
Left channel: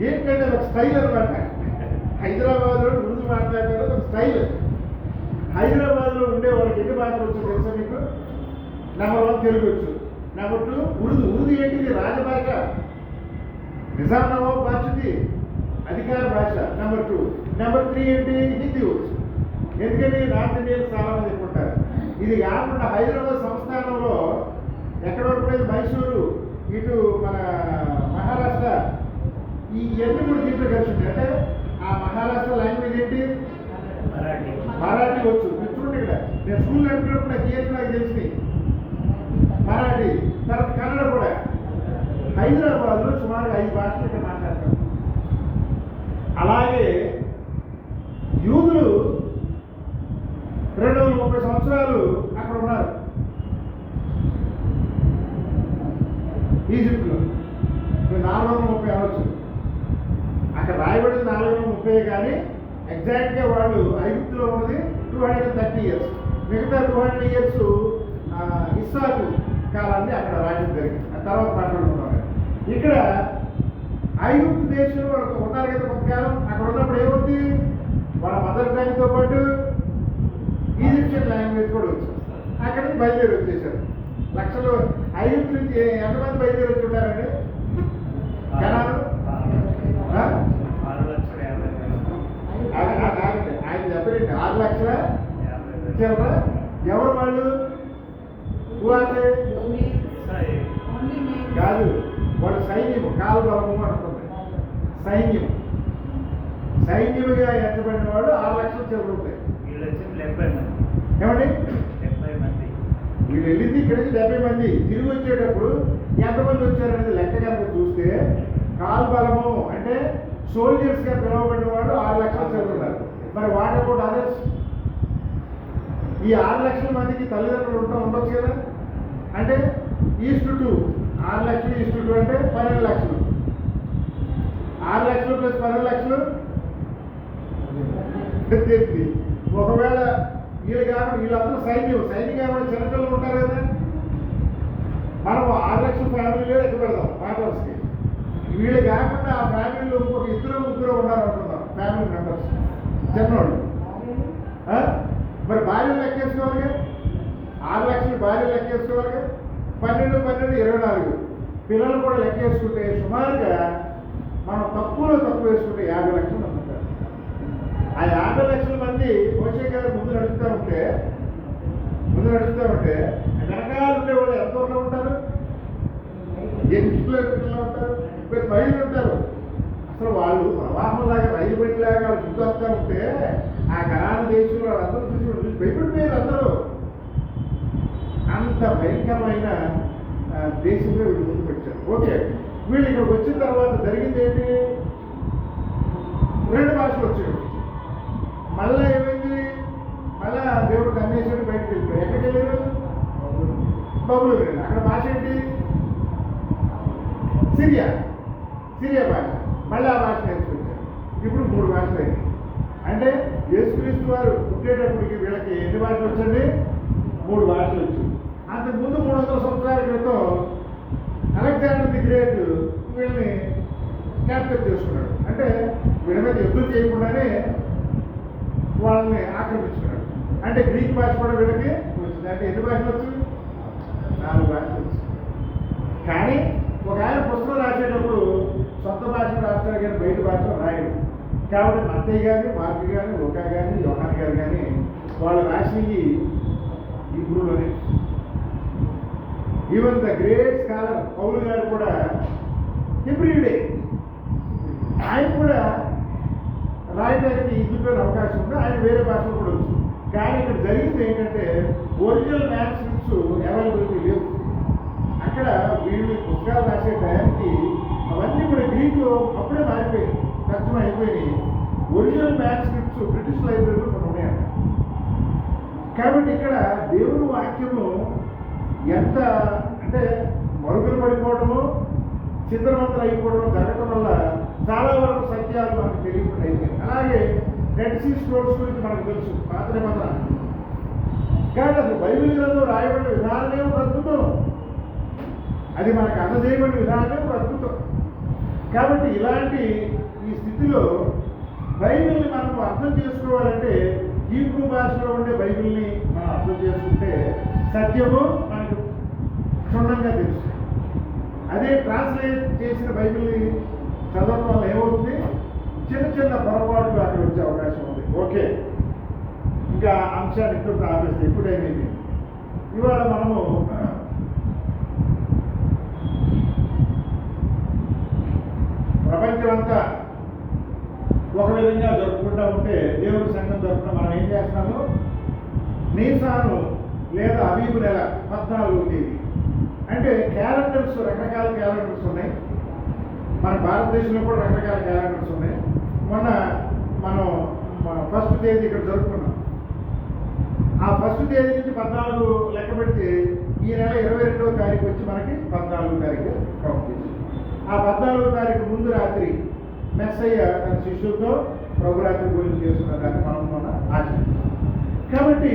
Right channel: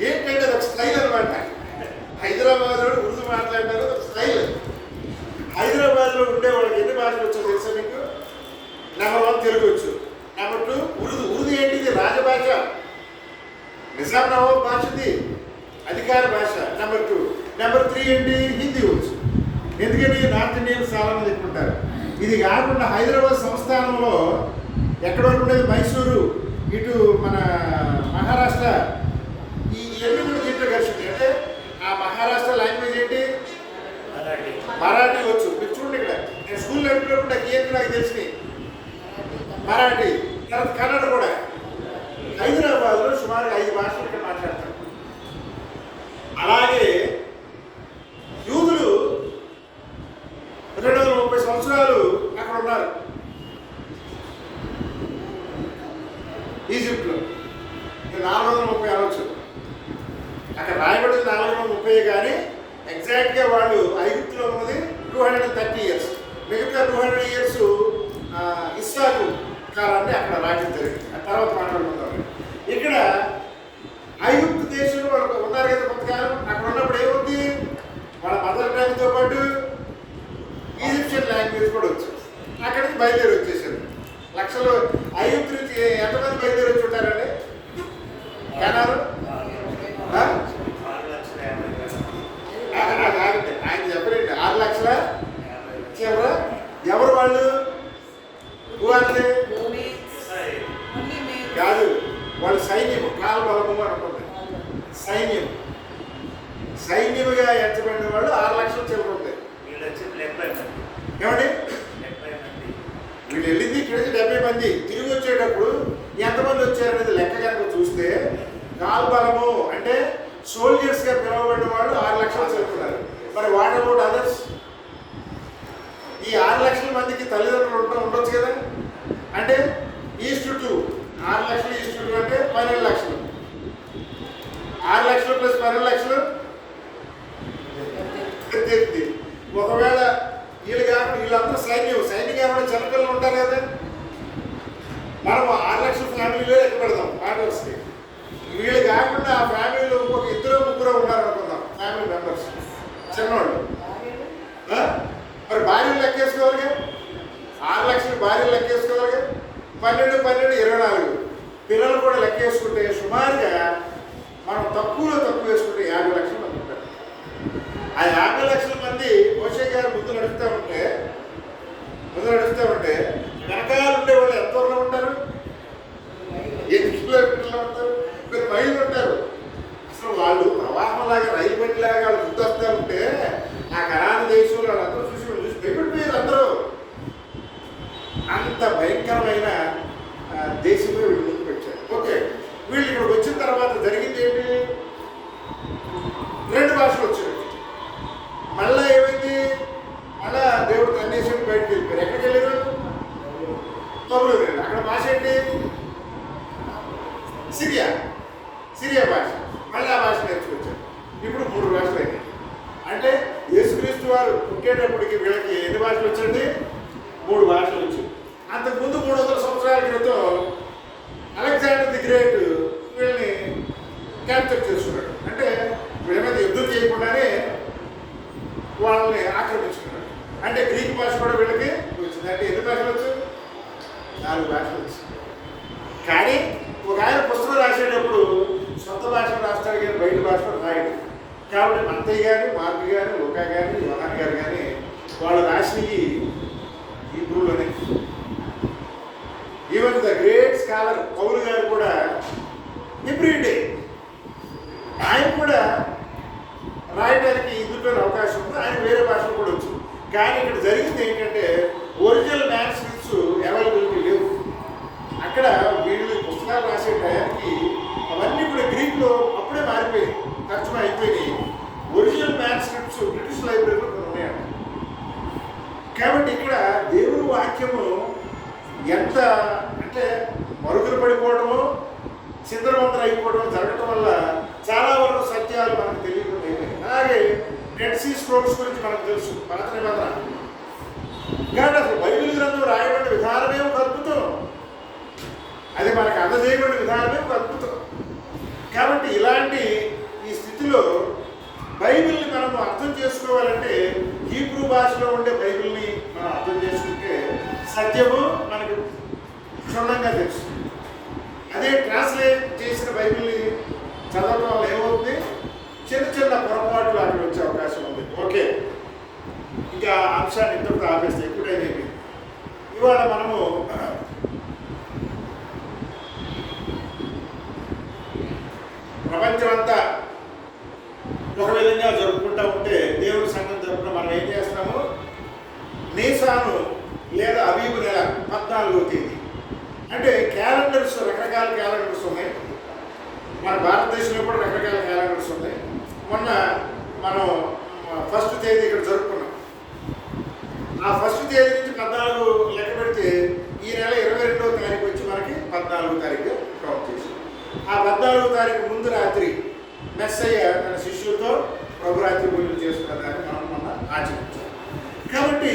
ఏంటంటే అది ఒక స్టైల్ అనమాట. హైదరాబాద్లో ఉర్దూ మాట్లాడతారు, ఒక స్టైల్. హైదరాబాద్లో ఉండే వాళ్ళకి ఎన్ని భాషలు వచ్చో తెలుసా మీకు? నెంబర్ 1 తెలుగు వచ్చు, నెంబర్ 2 ఉర్దూ ఏంటిది? రాజభాష. నిజాం నవాబ్ భాష ఇది, అధికార భాష. నెంబర్ 2. నెంబర్ 3 ఏంటి? హిందీ వచ్చు. ఎందుకని నార్త్ ఇండియన్స్ చాలా మంది ఎక్కుంటారు. ఇది కాకుండా హైదరాబాద్ సంస్థానంలో ఎక్కడ వరకు ఉండేది? మైసూరు, ఇటు మన మహారాష్ట్ర, ఇవన్నీ కూడా దీంట్లో కలిసి ఉంది. అంటే ఆ మహారాష్ట్ర లాంగ్వేజ్ ఏంటి? మరాఠీ వచ్చు. మీరు చూడండి, ఇక్కడ నేను స్కూల్ నడిపినప్పుడు నాకు ఏంటి నాకు తెలిసింది మరాఠీ. తర్వాత కన్నడ కూడా. హైదరాబాద్లో సుమారు 5 భాషలు ఇక్కడ మాట్లాడతారు. అలాగే యూదులు 230 సంవత్సరాలు అక్కడ ఉన్నారు ఈజిప్ట్లో. 430 అనవచ్చు, అక్కడ రాయబడింది 430, కానీ ఎగ్జాక్ట్గా వాళ్ళు ఐగుప్తులో ఉన్నది 230 years. మిగతా 200 years ఇస్సాకు కాలాన్ని అక్కడ రాజ్యం జరిగింది. ఆ తర్వాత మాట్లాడుకుంటాం. ఇక్కడ ఐగుప్తు దేశంలో వాళ్ళు ఉన్నారు కదా కొంతకాలం. అక్కడ ఉన్నప్పుడు ఏమవుతుంది, వాళ్ళ మదర్ టంగ్తో పాటు ఈజిప్షియన్ లాంగ్వేజ్ కూడా వచ్చింది. అక్కడి నుంచి బయలుదేరి వచ్చేసారు. లక్షలు ఐగుప్తు నుంచి ఎంతమంది బయలుదేరి వచ్చి ఉంటారండి? కనారు ఆయన చెప్పలేండి. 6 లక్షల చివర. ఎవరు వాళ్ళు? కాదు, వాళ్ళు సైన్యము, కాలబలము అని ఉంటుంది. సైన్యముగా ఎంచబడిన వాళ్ళు 6 లక్షల చివర ఉంటాయి. ఏమండి, వీళ్ళు వెళ్ళింది ఇక్కడ 70 మంది. తిరిగి వచ్చేటప్పుడు ఎంతమంది వచ్చారనేది లెక్క కనుక చూస్తే, కాల్బలము అంటే సోల్జర్స్గా పిలువబడిన వాళ్ళు 6 లక్షలు చదువుతున్నారు. మరి వాట్ అబౌట్ అదర్స్? ఈ 6 లక్షల మందికి తల్లిదండ్రులు ఉండొచ్చు కదా. అంటే ఈస్ట్ టు 6 లక్షలు, ఈస్ట్ టు అంటే 12 లక్షలు. 6 లక్షలు ప్లస్ 12 లక్షలు 18. ఒకవేళ వీళ్ళు కాకుండా వీళ్ళందరూ సైన్యం కాకుండా చిన్నపిల్లలు ఉంటారు కదా. మనం 6 లక్షల ఫ్యామిలీలో లెక్క పెడతాం మాటర్స్కి. వీళ్ళు కాకుండా ఆ ఫ్యామిలీలో ఇంకొక 2-3 ఉన్నారు అనుకుందాం, ఫ్యామిలీ మెంబర్స్ చిన్నవాళ్ళు. మరి భార్యలు లెక్కేసుకోవాలి, 6 లక్షలు భార్యలు లెక్కేసుకోవాలి. 12, 24 పిల్లలు కూడా లెక్కేసుకుంటే సుమారుగా మనం తక్కువ వేసుకుంటే 50 లక్షల మంది ఉంటారు. ఆ 50 లక్షల మంది మోషే గారు ముందు నడుస్తూ ఉంటే వెనకాల ఉండే వాళ్ళు ఎంత దూరంలో ఉంటారు? 8 కిలోమీటర్లో ఉంటారు, 10 మైళ్ళు ఉంటారు. అసలు వాళ్ళు ప్రవాహంలాగా రైలు బండిలాగా వాళ్ళు ముందు వస్తూ ఉంటే ఆ కనాను దేశంలో వాళ్ళందరూ చూసి భయపడిపోయారు అందరూ. అంత భయంకరమైన దేశంలో వీళ్ళు ముందు పెట్టారు. ఓకే, వీళ్ళు ఇక్కడికి వచ్చిన తర్వాత జరిగింది ఏంటి? 2 భాషలు వచ్చాయి. మళ్ళీ ఏమైంది? మళ్ళా దేవుడు కన్నేశ్వరుడు బయటకు వెళ్ళిపోయారు. ఎక్కడికి వెళ్ళారు? బబులు వెళ్ళారు. అక్కడ భాష ఏంటి? సిరియా భాష. మళ్ళీ ఆ భాష నేర్చుకొచ్చారు. ఇప్పుడు 3 భాషలు అయినాయి. అంటే యేసుక్రీస్తు వారు పుట్టేటప్పటికి వీళ్ళకి ఎన్ని భాషలు వచ్చండి? 3 భాషలు వచ్చింది. అంతకుముందు 300 సంవత్సరాల క్రితం అలెగ్జాండర్ ది గ్రేట్ వీళ్ళని క్యాప్చర్ చేస్తున్నాడు. అంటే వీళ్ళ మీద యుద్ధం చేయకుండానే వాళ్ళని ఆక్రమించుకున్నాడు. అంటే గ్రీక్ భాష కూడా వీళ్ళకి వచ్చింది. అంటే ఎన్ని భాషలు వచ్చింది? 4 భాషలు వచ్చింది. కానీ ఒక ఆయన పుస్తకం రాసేటప్పుడు సొంత భాషను రాస్తాడు కానీ బయట భాషలో రాయడు. కాబట్టి మత్తయ్య గాని, మార్కు గాని, లూకా గాని, యోహాన్ గారు కానీ వాళ్ళు రాసినవి హీబ్రూలోనే. ఈవెన్ ద గ్రేట్ స్కాలర్ పౌలు గారు కూడా హీబ్రూడే. ఆయన కూడా రాయడానికి ఇందులో అవకాశం ఉంది. ఆయన వేరే భాషలు కూడా వచ్చింది. కానీ ఇక్కడ జరిగింది ఏంటంటే ఒరిజినల్ మ్యాన్స్క్రిప్ట్స్ అవైలబిలిటీ లేవు. అక్కడ వీళ్ళు పుస్తకాలు రాసే టయానికి అవన్నీ కూడా గ్రీక్లో అప్పుడే మారిపోయాయి, తర్జుమా అయిపోయినాయి. ఒరిజినల్ మ్యాన్స్క్రిప్ట్స్ బ్రిటిష్ లైబ్రరీలో కొన్ని ఉన్నాయంట. కాబట్టి ఇక్కడ దేవుని వాక్యము ఎంత అంటే మరుగున పడిపోవడము, చిందరవందర అయిపోవడం జరగడం వల్ల చాలా వరకు సత్యాలు మనకు తెలియకుండా అయిపోయాయి. అలాగే డెడ్ సీ స్క్రోల్స్ గురించి మనకు తెలుసు, పాత నిబంధన. కానీ అసలు బైబిల్ గ్రంథం రాయబడిన విధానమే ఒక అద్భుతం. అది మనకు అందజేయబడిన విధానమే ఒక అద్భుతం. కాబట్టి ఇలాంటి ఈ స్థితిలో బైబిల్ని మనం అర్థం చేసుకోవాలంటే హీబ్రూ భాషలో ఉండే బైబిల్ని మనం అర్థం చేసుకుంటే సత్యము మనకు క్షుణ్ణంగా తెలుసు. అదే ట్రాన్స్లేట్ చేసిన బైబిల్ని చదవడం వల్ల ఏమవుతుంది? చిన్న పొరపాట్లు అక్కడ వచ్చే అవకాశం ఉంది. ఓకే, ఇంకా అంశాన్ని ఇంతటితో ఆపేస్తే ఎప్పుడైనా ఇవాళ మనము ప్రపంచం అంతా ఒక విధంగా జరుపుకుంటూ ఉంటే దేవుడి సంఘం జరుపుకుంటూ మనం ఏం చేస్తున్నాము? నీసాను లేదా అబీబు నెల 14వ తేదీ అంటే క్యాలెండర్స్, రకరకాల క్యాలెండర్స్ ఉన్నాయి. మన భారతదేశంలో కూడా రకరకాల క్యాలెండర్స్ ఉన్నాయి. మొన్న మనం ఫస్ట్ తేదీ ఇక్కడ జరుపుకున్నాం. ఆ ఫస్ట్ తేదీ నుంచి 14 లెక్క పెడితే ఈ నెల 22వ తారీఖు వచ్చి మనకి 14వ తారీఖు కౌంట్ చేసి, ఆ 14వ తారీఖు ముందు రాత్రి మెస్సయ్య తన శిష్యులతో ప్రభురాత్రి పూజలు చేసుకున్న దాన్ని మనం మొన్న ఆచరించాం. కాబట్టి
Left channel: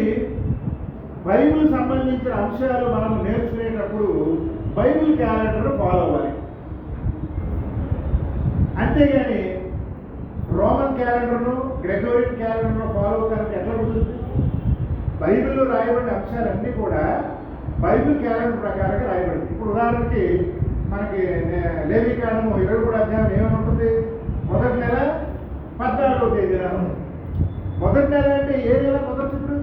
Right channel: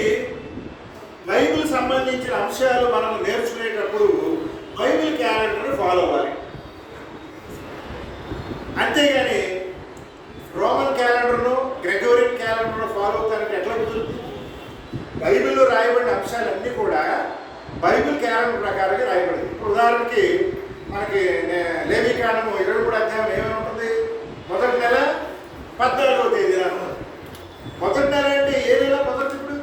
బైబిల్ సంబంధించిన అంశాలు మనం నేర్చుకునేటప్పుడు బైబిల్ క్యాలెండర్ ఫాలో అవ్వాలి. అంతేగాని రోమన్ క్యాలెండర్ను, గ్రెగోరియన్ క్యాలెండర్ను ఫాలో అవుతానికి ఎట్లా కుదురుతుంది? బైబిల్లో రాయబడిన అంశాలన్నీ కూడా బైబిల్ క్యాలెండర్ ప్రకారంగా రాయబడింది. ఇప్పుడు ఉదాహరణకి మనకి లేవికాండము 23వ అధ్యాయం ఏమని ఉంటుంది? మొదటి నెల 14వ తేదీన ఉంటుంది. మొదటి నెల అంటే ఏ నెల మొదటి? ఇప్పుడు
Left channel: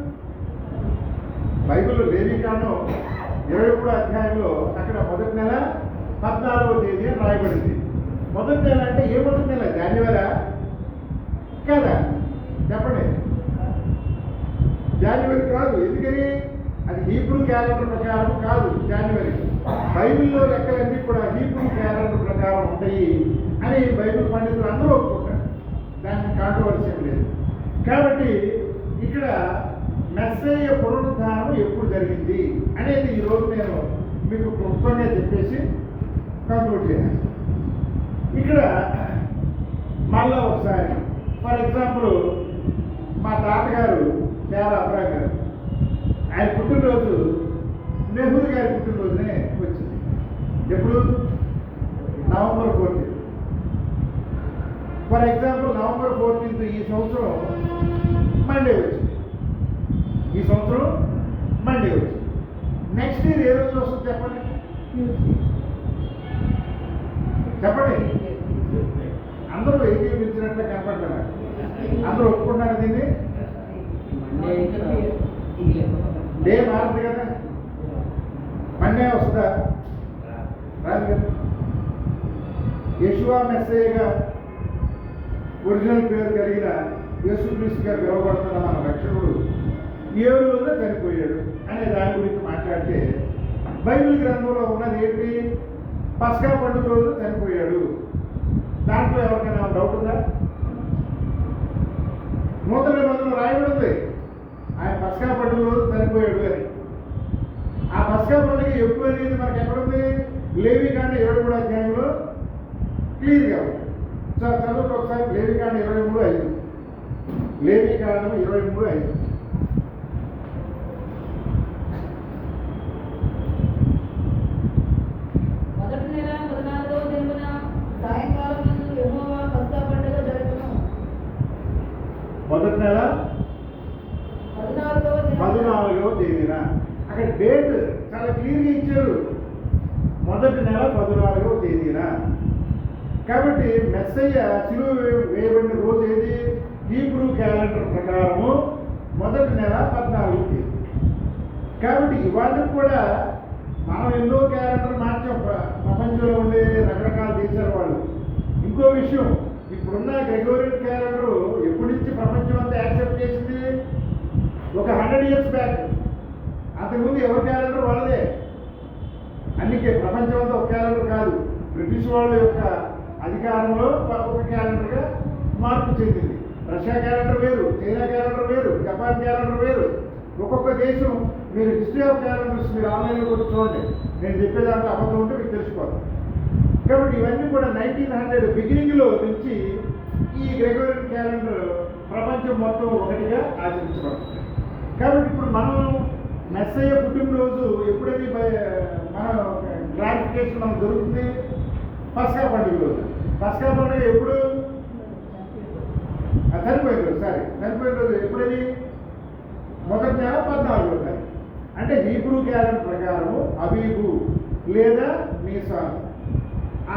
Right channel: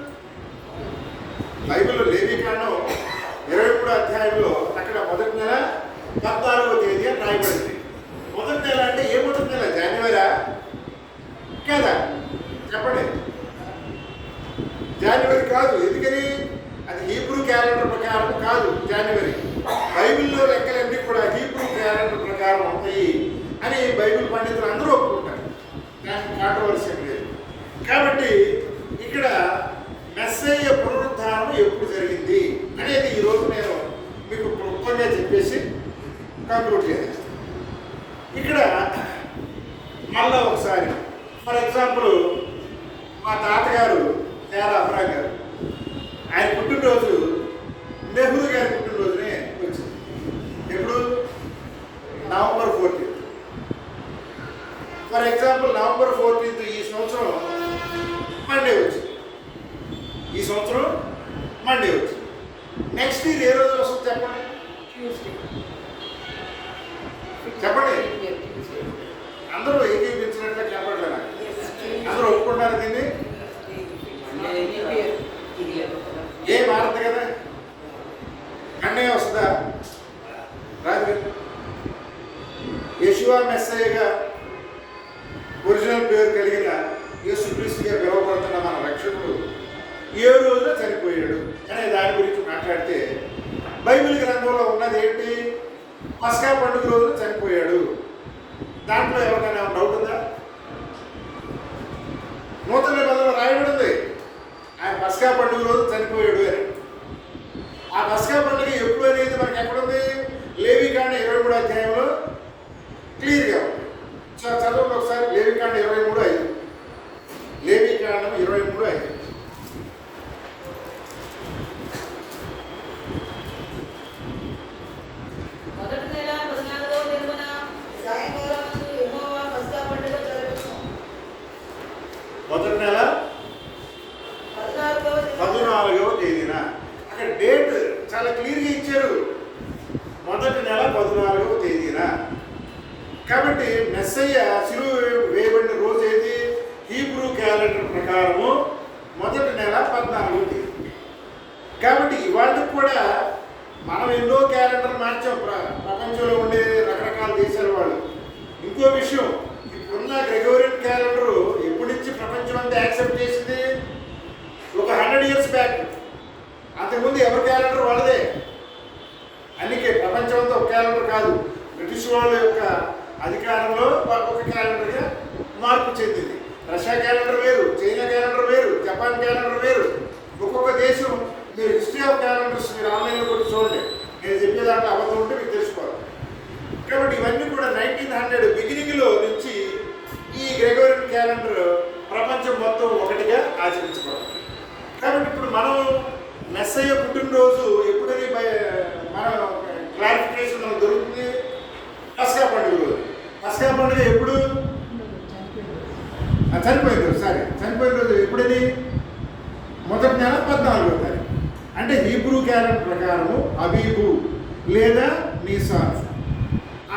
బైబిల్లో లేవికాండం 23వ అధ్యాయంలో అక్కడ మొదటి నెల 14వ తేదీ అని రాయబడింది. మొదటి నెల అంటే ఏ మొదటి నెల? జనవరి కదా? చెప్పండి. జనవరి కాదు. ఎందుకని? అది హీబ్రూ క్యాలెండర్ ప్రకారం కాదు జనవరి. బైబిల్లో లెక్కలన్నీ కూడా హీబ్రూ క్యాలెండర్ ప్రకారం ఉంటాయి అని బైబిల్ పండితులు అందరూ ఒప్పుకుంటారు. దానికి కాంట్రవర్సీ లేదు. కాబట్టి ఇక్కడ మెస్సయ్య పునరుద్ధానం ఎప్పుడు జరిగింది అనేది ఈరోజు నేను మీకు క్లుప్తంగా చెప్పేసి కంక్లూడ్ చేస్తాను. ఇక్కడ మళ్ళా ఒకసారి ఫర్ ఎగ్జాంపుల్ మా తాతగారు తేరా అబ్రాహం గారు, ఆయన పుట్టినరోజు నెహ్రూ గారి పుట్టినరోజునే వచ్చింది. ఎప్పుడు? నవంబర్ 14. ఫర్ ఎగ్జాంపుల్ నవంబర్ 14 ఈ సంవత్సరం మండే వచ్చింది. ఈ సంవత్సరం మండే వచ్చింది. నెక్స్ట్ ఇయర్ ఏ రోజు వస్తుంది చెప్పండి? చెప్పండి. అందరూ ఏకీపించినట్లే కనపడలేదు. అందరూ ఒప్పుకుంటున్నారు దీన్ని. డే మారదు కదా, మండే వస్తుందా? రాదు కదా. యెషువా మెస్సయ్యగా ఒరిజినల్ పేరు కలిగిన యేసుక్రీస్తుగా పిలువబడుతున్న మన రక్షకుడు ఏ రోజున చనిపోయాడు అనే దాని గురించి మాట్లాడితే బైబిల్ గ్రంథంలో ఉన్నది ఏంటి? పస్కా పండుగ రోజున చనిపోయాడు. దాంట్లో ఎవరికైనా డౌట్ ఉందా? నూతన నిబంధనలో రాయబడి ఉంది ఆయన పస్కా పండుగ రోజు చనిపోయాడు అని. ఆ పస్కా పండుగ ఎప్పుడు అనేది మనకి ఎక్కడుంది? లేవికాండం 23వ అధ్యాయంలో క్లియర్గా ఉంది. చదవండి ఒకసారి. లేవికాండం 23:5. లేవికాండం 23:5. మొదటి నెల 14వ దినమున సాయంకాలమందు యెహోవా పస్కా పండుగ జరుగును. మొదటి నెల 14వ తేదీన. అక్కడ డేట్ చాలా క్లియర్గా ఇచ్చారు. మొదటి నెల 14వ తేదీన. కాబట్టి మెస్సయ్య శిలువ వేయబడిన రోజు ఏది? హీబ్రూ క్యాలెండర్ ప్రకారము మొదటి నెల 14వ తేదీ. కాబట్టి ఇవాళకి కూడా మనం ఎన్నో క్యాలెండర్ మార్చాం. ప్రపంచంలో ఉండే రకరకాల దేశాల వాళ్ళు. ఇంకో విషయం, ఇప్పుడున్న గ్రెగోరియన్ క్యాలెండర్ ఎప్పటి నుంచి ప్రపంచం అంతా యాక్సెప్ట్ చేసింది? ఒక 100 years బ్యాక్. అంతకుముందు ఎవరి క్యాలెండర్ వాళ్ళదే. అందుకే ప్రపంచం అంతా ఒక క్యాలెండర్ కాదు. బ్రిటిష్ వాళ్ళ యొక్క అధికారంలో ఒక క్యాలెండర్గా మార్పు చెందింది. రష్యా క్యాలెండర్ వేరు, చైనా క్యాలెండర్ వేరు, జపాన్ క్యాలెండర్ వేరు. ఒక్కొక్క దేశం. మీరు హిస్టరీ ఆఫ్ క్యాలెండర్స్ మీరు ఆన్లైన్లో కూడా చూడండి. నేను చెప్పేదాంట్లో అబద్ధం ఉంటే మీకు తెలుసుకోవాలి. కాబట్టి ఇవన్నీ కూడా 1900 బిగినింగ్లో నుంచి ఈ గ్రెగోరియన్ క్యాలెండర్ ప్రపంచం మొత్తం ఒకటిగా ఆచరించబడుతుంది. కాబట్టి ఇప్పుడు మనం మెస్సయ్య పుట్టినరోజు ఎప్పుడని మన క్లారిఫికేషన్ మనకు దొరుకుతుంది? పస్కా పండుగ రోజు. పస్కా పండుగ ఎప్పుడు? చనిపోయిన రోజు. చనిపోయిన రోజు ఎప్పుడని? మొదటి నెల 14వ తారీఖు. అంటే హీబ్రూ క్యాలెండర్ ప్రకారము అబీబు లేదా నీసాన్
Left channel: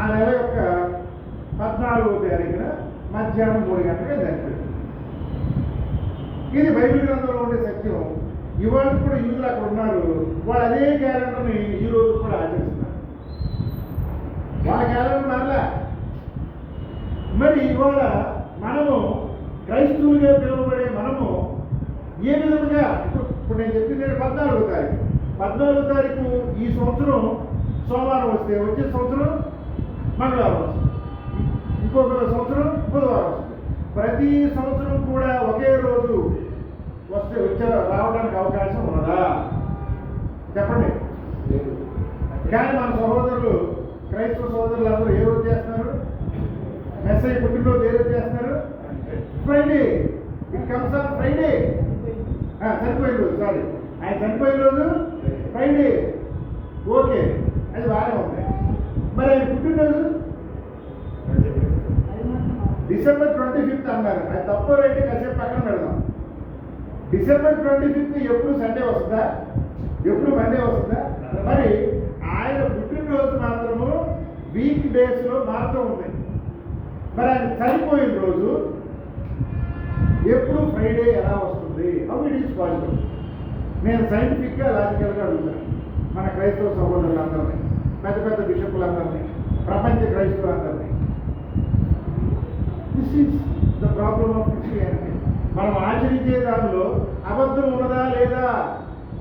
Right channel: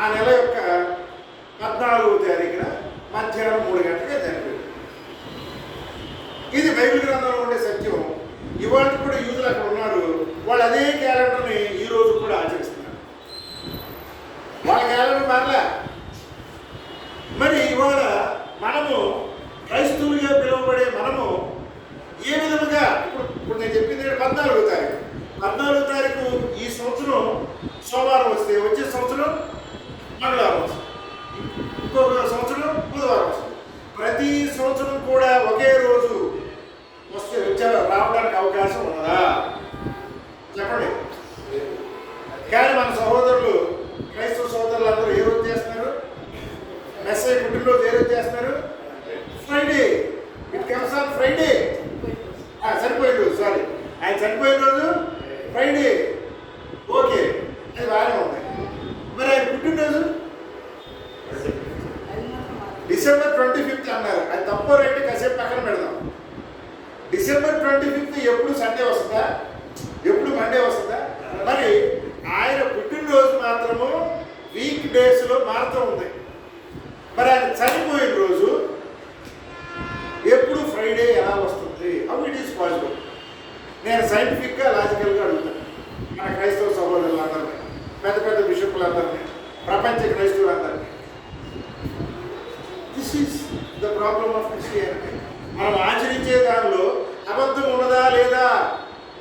ఆ నెల యొక్క 14వ తారీఖున మధ్యాహ్నం 3 గంటలకే చనిపోయింది. ఇది బైబిల్ గ్రంథంలో ఉండే సత్యం. ఇవాళ కూడా యూదులు అక్కడ ఉన్నారు. వాళ్ళు అదే క్యాలెండర్ని ఈ రోజు కూడా ఆచరిస్తున్నారు. వాళ్ళ క్యాలెండర్ మారలే. మరి ఇవాళ మనము క్రైస్తవులుగా పిలువబడే మనము ఏ విధముగా ఇప్పుడు నేను చెప్పింది 14వ తారీఖు. 14వ తారీఖు ఈ సంవత్సరం సోమవారం వస్తే వచ్చే సంవత్సరం మంగళవారం వస్తుంది, ఇంకొక సంవత్సరం బుధవారం వస్తుంది. ప్రతి సంవత్సరం కూడా ఒకే రోజు రావడానికి అవకాశం ఉన్నదా చెప్పండి. కానీ మన సహోదరులు, క్రైస్తవ సహోదరులు అందరూ ఏ రోజు చేస్తున్నారు? మెస్సయ్య పుట్టినరోజు ఏ రోజు చేస్తున్నారు? Friday. It comes on Friday. చనిపోయిన రోజు, సారీ, ఆయన చనిపోయిన రోజు ఫ్రైడే. ఓకే, అది బాగానే ఉంది. మరి ఆయన పుట్టినరోజు December 25th అన్నారు. అది తప్పో రైట్ కాసేపు పక్కన పెడదాం. December 25th ఎప్పుడు సండే వస్తుందా? ఎప్పుడు మండే వస్తుందా? మరి ఆయన పుట్టినరోజు మాత్రము వీక్ డేస్లో మారుతూ ఉంది. మరి ఆయన చనిపోయిన రోజు ఎప్పుడు ఫ్రైడే ఎలా వస్తుంది? How it is possible? నేను సైంటిఫిక్గా లాజికల్గా అడుగుతాను మన క్రైస్తవ సహోదరులందరినీ, పెద్ద పెద్ద బిషపులందరినీ, ప్రపంచ క్రైస్తవులందరినీ. This is the problem of Christianity. మనం ఆచరించే దానిలో అబద్ధం ఉన్నదా లేదా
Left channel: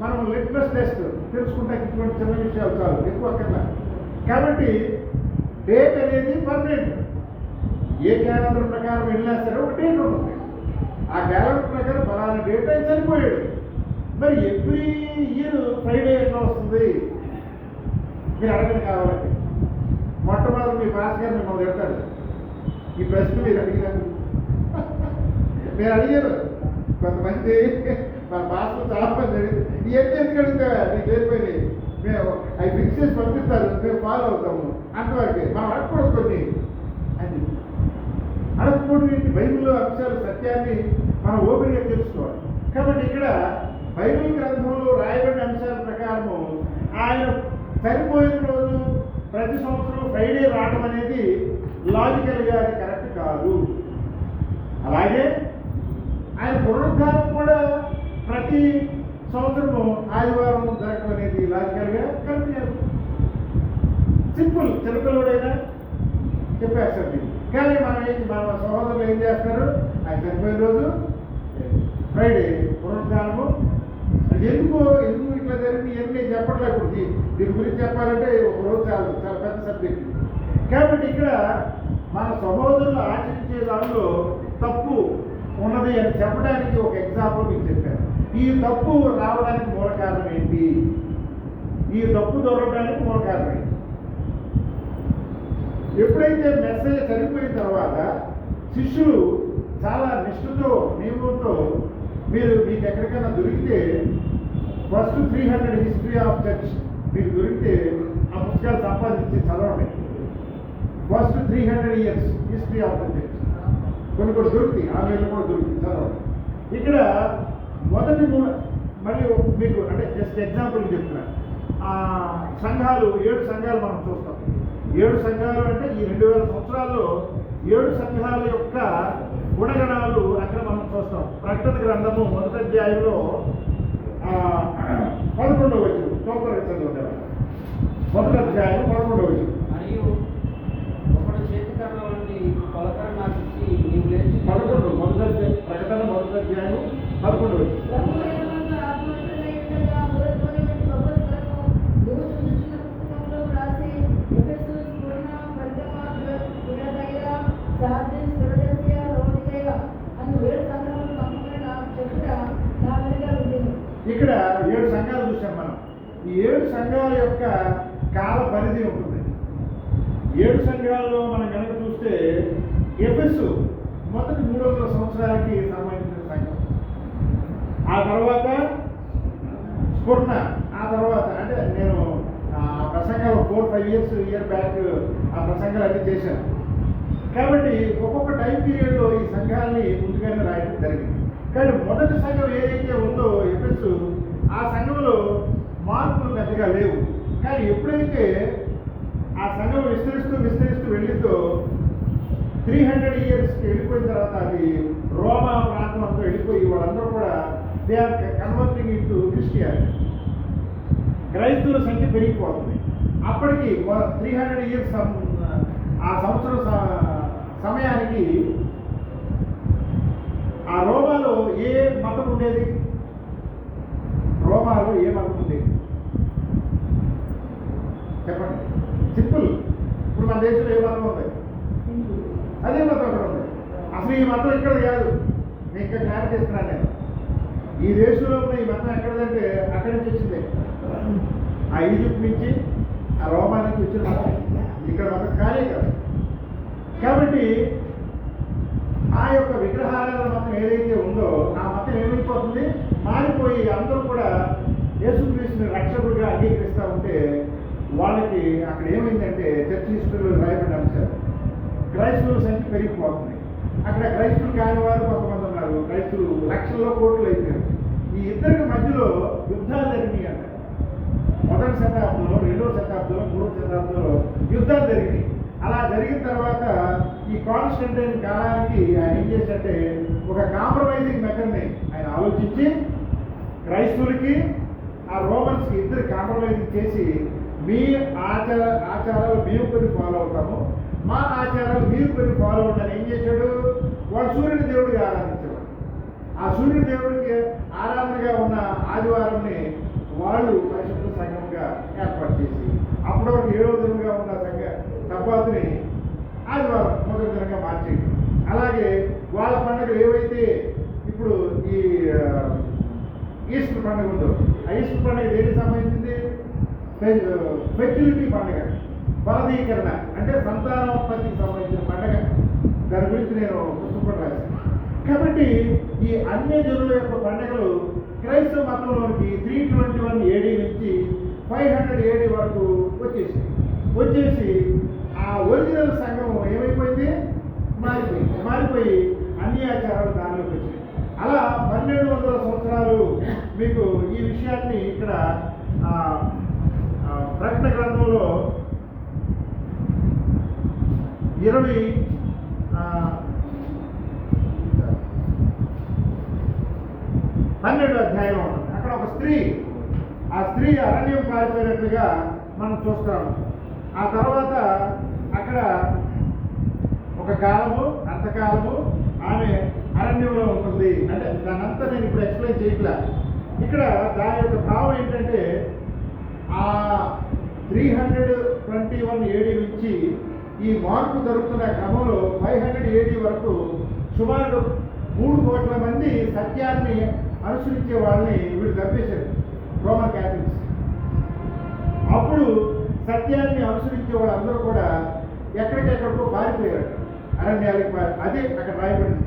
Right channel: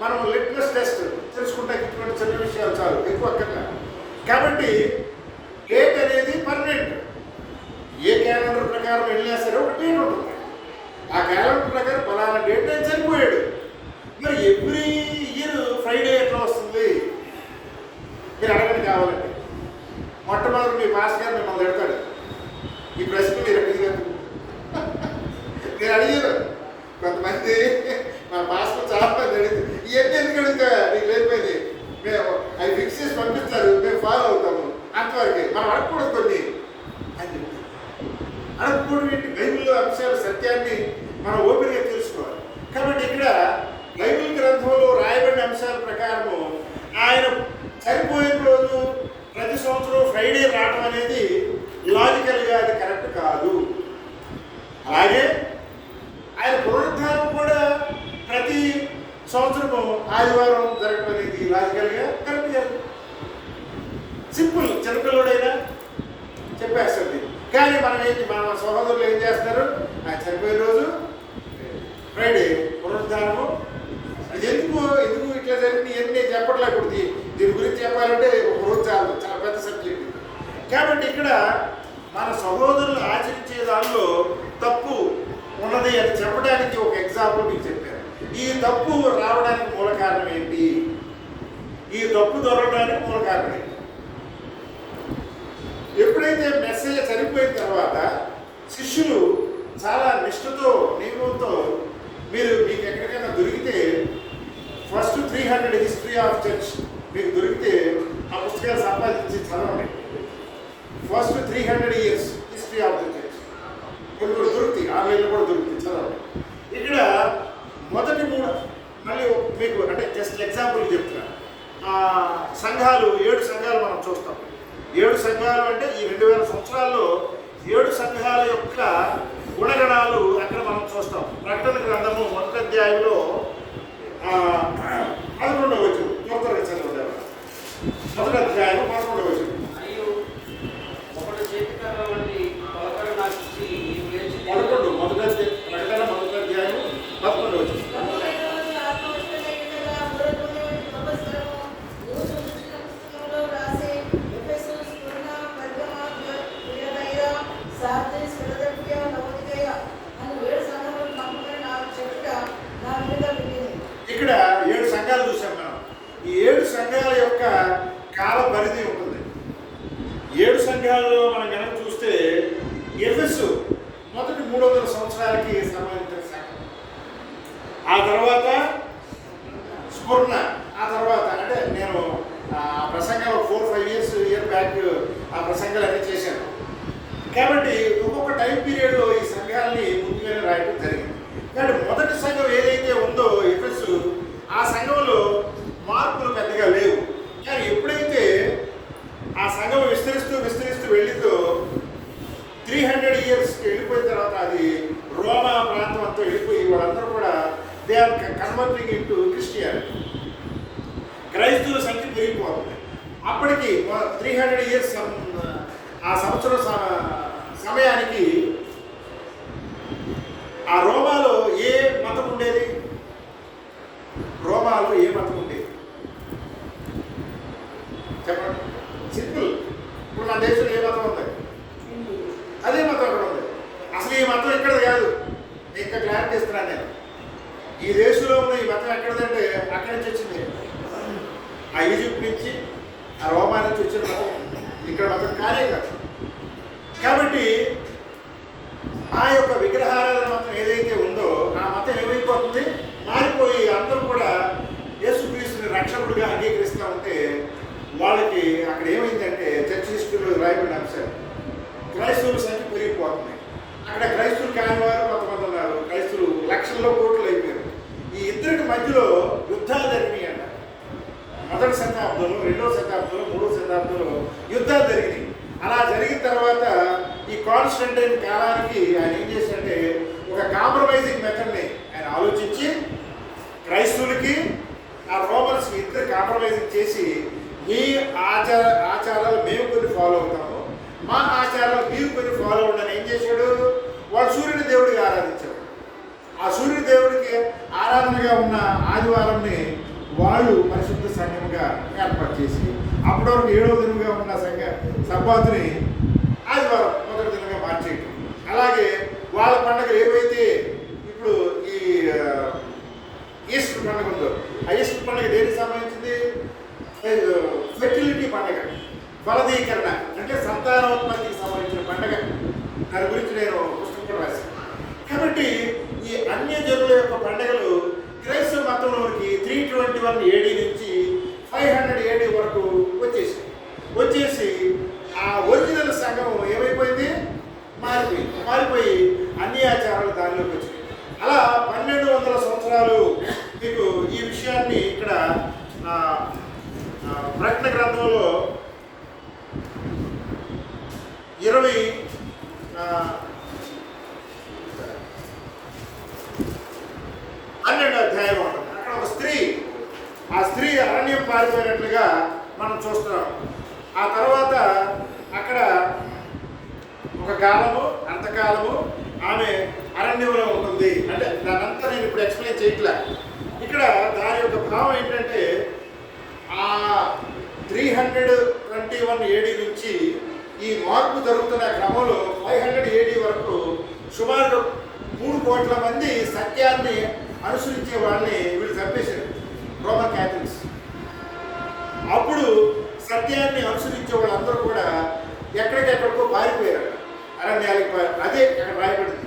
మనం లిట్మస్ టెస్ట్ తెలుసుకుంటే ఇటువంటి చిన్న విషయాలు చాలు, ఎక్కువ అక్కర్లా. కాబట్టి డేట్ అనేది పర్మనెంట్. ఏ క్యాలెండర్ ప్రకారం వెళ్ళినా సరే ఒక డేట్ ఉంటుంది. ఆ క్యాలెండర్ ప్రకారం ఫలానా డేట్ ఆయన చనిపోయాడు. మరి ఎవ్రీ ఇయర్ ఫ్రైడే ఎట్లా వస్తుంది? మీరు అడగండి కావాలంటే. మొట్టమొదటి మీ పాస్ గారు మిమ్మల్ని పెడతాడు ఈ ప్రశ్న. మీరు అడిగారు, నేను అడిగాను. కొంతమంది మా పాస్లో చాలా మంది అడిగింది, ఇవన్నీ ఎందుకు అడుగుతా, నీకు లేకపోయింది, మేము అవి ఫిక్స్ చేసి పంపిస్తారు, మేము ఫాలో అవుతాము, అంతవరకే. మనం అడగకూడదు కొన్ని అని. అడగకూడదు ఏంటి? బైబిల్లో అంశాలు, సత్యాన్ని మనం ఓపెన్గా తెలుసుకోవాలి. కాబట్టి ఇక్కడ బైబిల్ గ్రంథంలో రాయబడిన అంశాల ప్రకారము ఆయన చనిపోయిన రోజు ప్రతి సంవత్సరం ఫ్రైడే రావడం అనేది లాజికల్గా అది కరెక్ట్ కాదు. అలాగే ఆయన పునరుద్ధానం కూడా ప్రతి సంవత్సరము ఆదివారం జరగడం అనేది లాజికల్గా కరెక్ట్ కాదు. సింపుల్, చిన్నపిల్లడైనా చెప్పేస్తుంది. కానీ మన సహోదరులు ఏం చేస్తారు? ఆయన చనిపోయిన రోజు ఫ్రైడే, పునరుద్ధానము. అది ఎందుకు ఇట్లా జరిగింది ఇవన్నీ చెప్పట్లేదు. దీని గురించి చెప్పాలంటే ఒక రోజు చాలా పెద్ద సబ్జెక్ట్. కాబట్టి ఇక్కడ మన సహోదరులు ఆచరించే దానిలో తప్పు ఉన్నది అని చెప్పడానికి ఒక ఎగ్జాంపుల్ మీకు చెప్పాను. ఈ తప్పు రావడానికి మూల కారణం ఏంటి? ఈ తప్పు దొరకడానికి మూల కారణం ఏంటి? ఎప్పుడైతే మెస్సయ్య చనిపోయిన తర్వాత శిష్యులు చాలా నిష్ఠతో, నియమంతో, మీకు ఎక్కడికైనా దొరికితే ఫస్ట్ 300 హిస్టరీ ఆఫ్ చర్చ్ మీకు దొరికితే ఆ పుస్తకాలు సంపాదించి చదవండి. First 300 years history of the church కొన్ని దొరుకుతాయి, ఆన్లైన్లో కూడా దొరుకుతాయి, చదవండి. ఇక్కడ మొదటి 3 మళ్ళీ మీకు అంటే జస్ట్ ఎగ్జాంపుల్ చెప్తున్నా. సంఘాలు 7 సంఘాలు మనం చూస్తాం. 7 సంఘాలు అంటే ఈ 2000 సంవత్సరాల్లో 7 సంఘాల యొక్క గుణగణాలు అక్కడ మనం చూస్తాం. ప్రకటన గ్రంథము 1వ అధ్యాయంలో 11వ వచనం త్వరగా చదువుతారు. 1వ అధ్యాయం 11వ వచనం. మరియు ఒకటి చేతికర్ర వంటి పలకర నాకు ఇచ్చి నీవు లేచి 11 ప్రకటన 1వ అధ్యాయం 11వ వచనం. ఇక్కడ 7 సంఘాలు చూసాం మనం. ఈ 7 సంఘాల యొక్క కాల పరిధి ఉంటుంది. 7 సంఘాలలో మనం కనుక చూస్తే ఎఫెసు మొదటి 300 సంవత్సరాలకి సంబంధించిన సంఘం. ఆ తర్వాత స్ఫుర్ణ, ఆ తర్వాత అంటే నేను ప్రసంగం 4-5 ఇయర్ బ్యాక్ ఆ ప్రసంగాలు అన్నీ చేశాను. కాబట్టి ఒక్కొక్క టైం పీరియడ్లో ఈ సంఘాలని ముందుగానే రాయడం జరిగింది. కానీ మొదటి సంఘం ఏదైతే ఉందో ఎఫెసు, ఆ సంఘంలో మార్పులు పెద్దగా లేవు. కానీ ఎప్పుడైతే ఆ సంఘం విస్తరిస్తూ వెళ్ళిందో 300 yearsకి వెళ్ళిపోయిన తర్వాత అది రోమా ప్రాంతం అంతా వెళ్ళిపోయి వాళ్ళందరూ కూడా they are converting into Christianity. క్రైస్తవుల సంఖ్య పెరిగిపోతుంది. అప్పటికి 300 years ఆ సంవత్సరం సమయానికి ఆ రోమాలో ఏ మతం ఉండేది? రోమాలో ఏ మతం ఉండేది? చెప్పండి, సింపుల్. ఇప్పుడు మన దేశంలో ఏ మతం ఉంది? అదే మతం అక్కడ ఉంది. అసలు ఈ మతం ఇక్కడది కాదు. నేను ఇంకా క్లారిటీ ఇస్తున్నాను. నేను ఈ దేశంలో ఉన్న ఈ మతం ఎక్కడదంటే అక్కడి నుంచి వచ్చింది. ఆ ఈజిప్ట్ నుంచి, ఆ రోమా నుంచి వచ్చిన మతం ఇక్కడ మతం కానే కాదు. కాబట్టి ఆ యొక్క విగ్రహారాధన మతం ఏదైతే ఉందో ఆ మతం ఏమైపోతుంది, మారిపోయి అందరూ కూడా యేసుక్రీస్తుని రక్షకుడిగా అంగీకరిస్తూ ఉంటే వాళ్ళకి అక్కడ ఏమైందంటే చర్చ్ హిస్టరీలో రాయబడిన అంశాలు క్రైస్తవుల సంఖ్య పెరిగిపోతుంది. అక్కడ క్రైస్తవులు కాని వారు కొంతమంది ఉన్నారు, క్రైస్తవులు లక్షల్లో కోట్లు అయిపోయారు. ఈ ఇద్దరికి మధ్యలో యుద్ధాలు జరిగినాయి అంట. మొదటి శతాబ్దంలో, రెండవ శతాబ్దంలో, మూడవ శతాబ్దంలో యుద్ధాలు జరిగినాయి. అలా జరిగిన తర్వాత ఈ కాన్స్టంటైన్ కాలానికి ఆయన ఏం చేశారంటే ఒక కాంప్రమైజింగ్ మెథడ్ని ఆయన ఆలోచించి క్రైస్తవులకి ఆ రోమన్స్కి ఇద్దరు కాంప్రమైజింగ్ చేసి మీ ఆచారాలు మేము కొన్ని ఫాలో అవుతాము, మా ఆచారాలు మీరు కొన్ని ఫాలో అవ్వండి ఏం చేశాడు. వాడు సూర్యుని దేవుడికి ఆరాధించాడు. ఆ సూర్యుని దేవుడికి ఆరాధనగా ఉన్న ఆదివారంని వాళ్ళు పరిశుద్ధ సంఘంగా ఏర్పాటు చేసి అప్పటి వరకు 7వ దినంగా ఉన్న సబ్బాతుని ఆదివారం మొదటి దినంగా మార్చేయటం. అలాగే వాళ్ళ పండుగలు ఏవైతే ఇప్పుడు ఈ ఈస్టర్ పండుగ ఉందో ఆ ఈస్టర్ పండుగ దేనికి సంబంధించింది? ఫెర్టిలిటీ పండుగ, ఫలదీకరణ అంటే సంతానోత్పత్తికి సంబంధించిన పండుగ. దాని గురించి నేను పుస్తకం కూడా రాశాను. కాబట్టి ఈ అన్యజనుల యొక్క పండుగలు క్రైస్తవ మతంలోనికి 321 AD నుంచి 500 AD వరకు వచ్చేసి ఆ ఒరిజినల్ సంఘం ఏమైపోయింది? మారిపోయి అన్ని ఆచారాలు దానిలోకి వచ్చాయి. అలా 1200 సంవత్సరాలు మీకు ఈ విషయాన్ని ఇక్కడ ప్రకటన గ్రంథంలో 12వ అధ్యాయం ఉంటుంది. అక్కడ ఒక స్త్రీ, ఆ స్త్రీ అరణ్యం పారిపోయినట్లుగా మనం చూస్తాము. ఆ తర్వాత అక్కడ ఒక కాలము, అంతకాలము ఆమె అరణ్యంలో ఉంటుంది. అంటే దానంతా నేను ఇప్పుడు ఎక్స్ప్లెయిన్ చేయట్లే. ఇక్కడ దాని యొక్క భావం ఏంటంటే ఆ 321 AD నుంచి ఈ మార్పు జరుగుతున్న క్రమంలో 500 AD వరకు సుమారు 3 కోట్ల మంది సత్యాన్ని అనుసరించే వాళ్ళని వీళ్ళు చంపేశారు, రోమన్ క్యాథలిక్స్. అప్పుడు సత్యాన్ని అనుసరించే వాళ్ళందరూ కూడా ఎక్కడికెక్కడికో పారిపోయారు, అరణ్యాలకు. అదే అక్కడ రాయబడింది.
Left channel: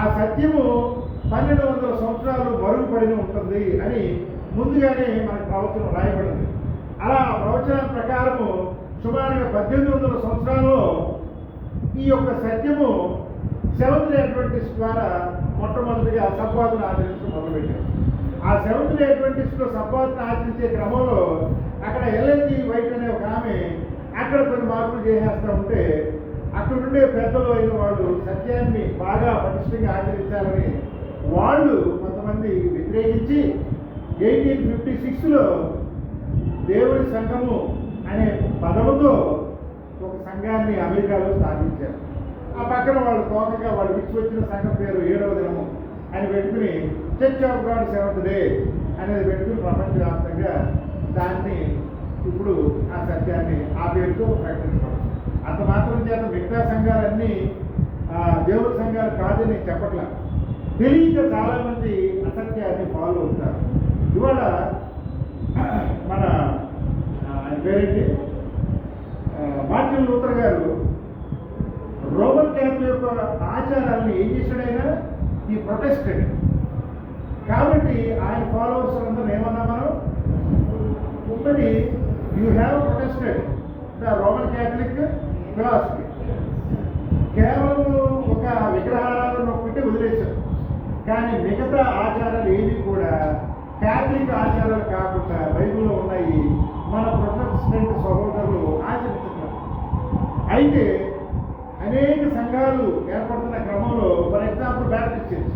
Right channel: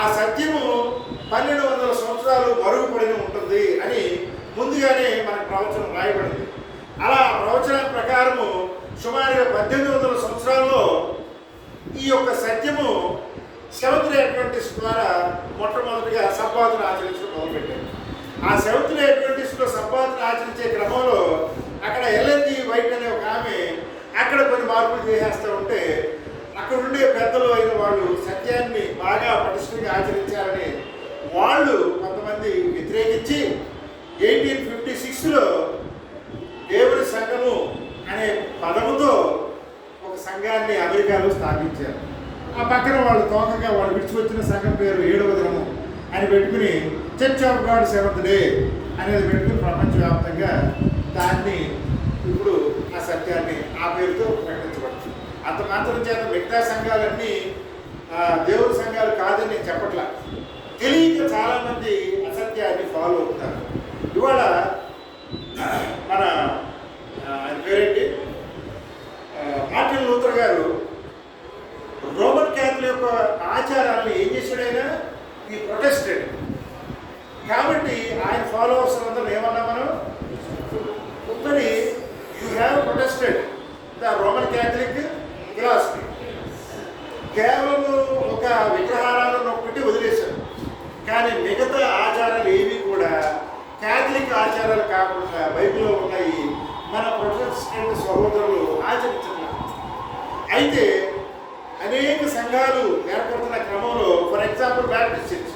ఆ సత్యము 1200 సంవత్సరాలు మరుగుపడి ఉంటుంది అని ముందుగానే మనకు ప్రవచనం రాయబడింది. అలా ప్రవచనం ప్రకారము సుమారుగా 1800 సంవత్సరాల్లో ఈ యొక్క సత్యము సెవెంత్ డే అడ్వెంటిస్ట్ ద్వారా మొట్టమొదటిగా సబ్బాతును ఆచరించడం మొదలుపెట్టారు. ఆ సెవెంత్ డే అడ్వెంటిస్ట్లో సబ్బాతును ఆచరించే క్రమంలో అక్కడ ఎల్ఎన్జి వైట్ అనే ఒక ఆమె అక్కడ కొన్ని మార్పులు చేసేస్తూ ఉంటే అక్కడ ఉండే పెద్దలు అయిన వాళ్ళు సత్యాన్ని బాగా పటిష్టంగా ఆచరించాలని వాళ్ళు కొంతమంది వ్యతిరేకించి 1856లో దేవుని సంఘము అనే పదముతో ఒక సంఘాన్ని అమెరికాలో స్థాపించారు. ఆ పక్కన వాళ్ళు తోకగా వాళ్ళు విడిచివచ్చిన సంఘం పేరు 7వ దినము అని పెట్టుకుని church of God seventh day అనేది పెట్టుకుని ప్రపంచవ్యాప్తంగా దాన్ని ఇప్పుడు ఆ సత్యాన్ని ఆ పేరుతో ప్రకటించబడుతుంది. అంత మాత్రం చేత మిగతా సంఘాలన్నీ దేవుడి సంఘాలు కాదని చెప్పట్లా. తెలియక చాలామంది అసత్యాన్ని ఫాలో అవుతారు. ఇవాళ మన ఆయన పేరేంటి, మార్టిన్ లూథర్ గారు రోమన్ క్యాథలిక్ యొక్క ఆచారాలను ఏం చేశాడైనా ఈ ప్రొటెస్టెడ్. కాబట్టి ఆయన ఫాలోవర్స్ అందరూ ఏమన్నా మనం మరి you have protested the Roman Catholic philosophy. కేవలం ఒక విగ్రహారాలను ఒక్కటి వదిలేశారు, కానీ మిగతా ఆచారాలు ఏవి కూడా క్యాథలిక్ ఆచారాలు కాకుండా బైబిల్లో ఉన్నాయి మన ప్రొటెస్టెంట్ సహోదరులు ఆచరించట్లేదు. అయితే అనేక సంఘాలు ఏర్పడుతున్న క్రమంలో ఫర్ ఎగ్జాంపుల్ బ్యాప్టిస్ట్ చర్చ్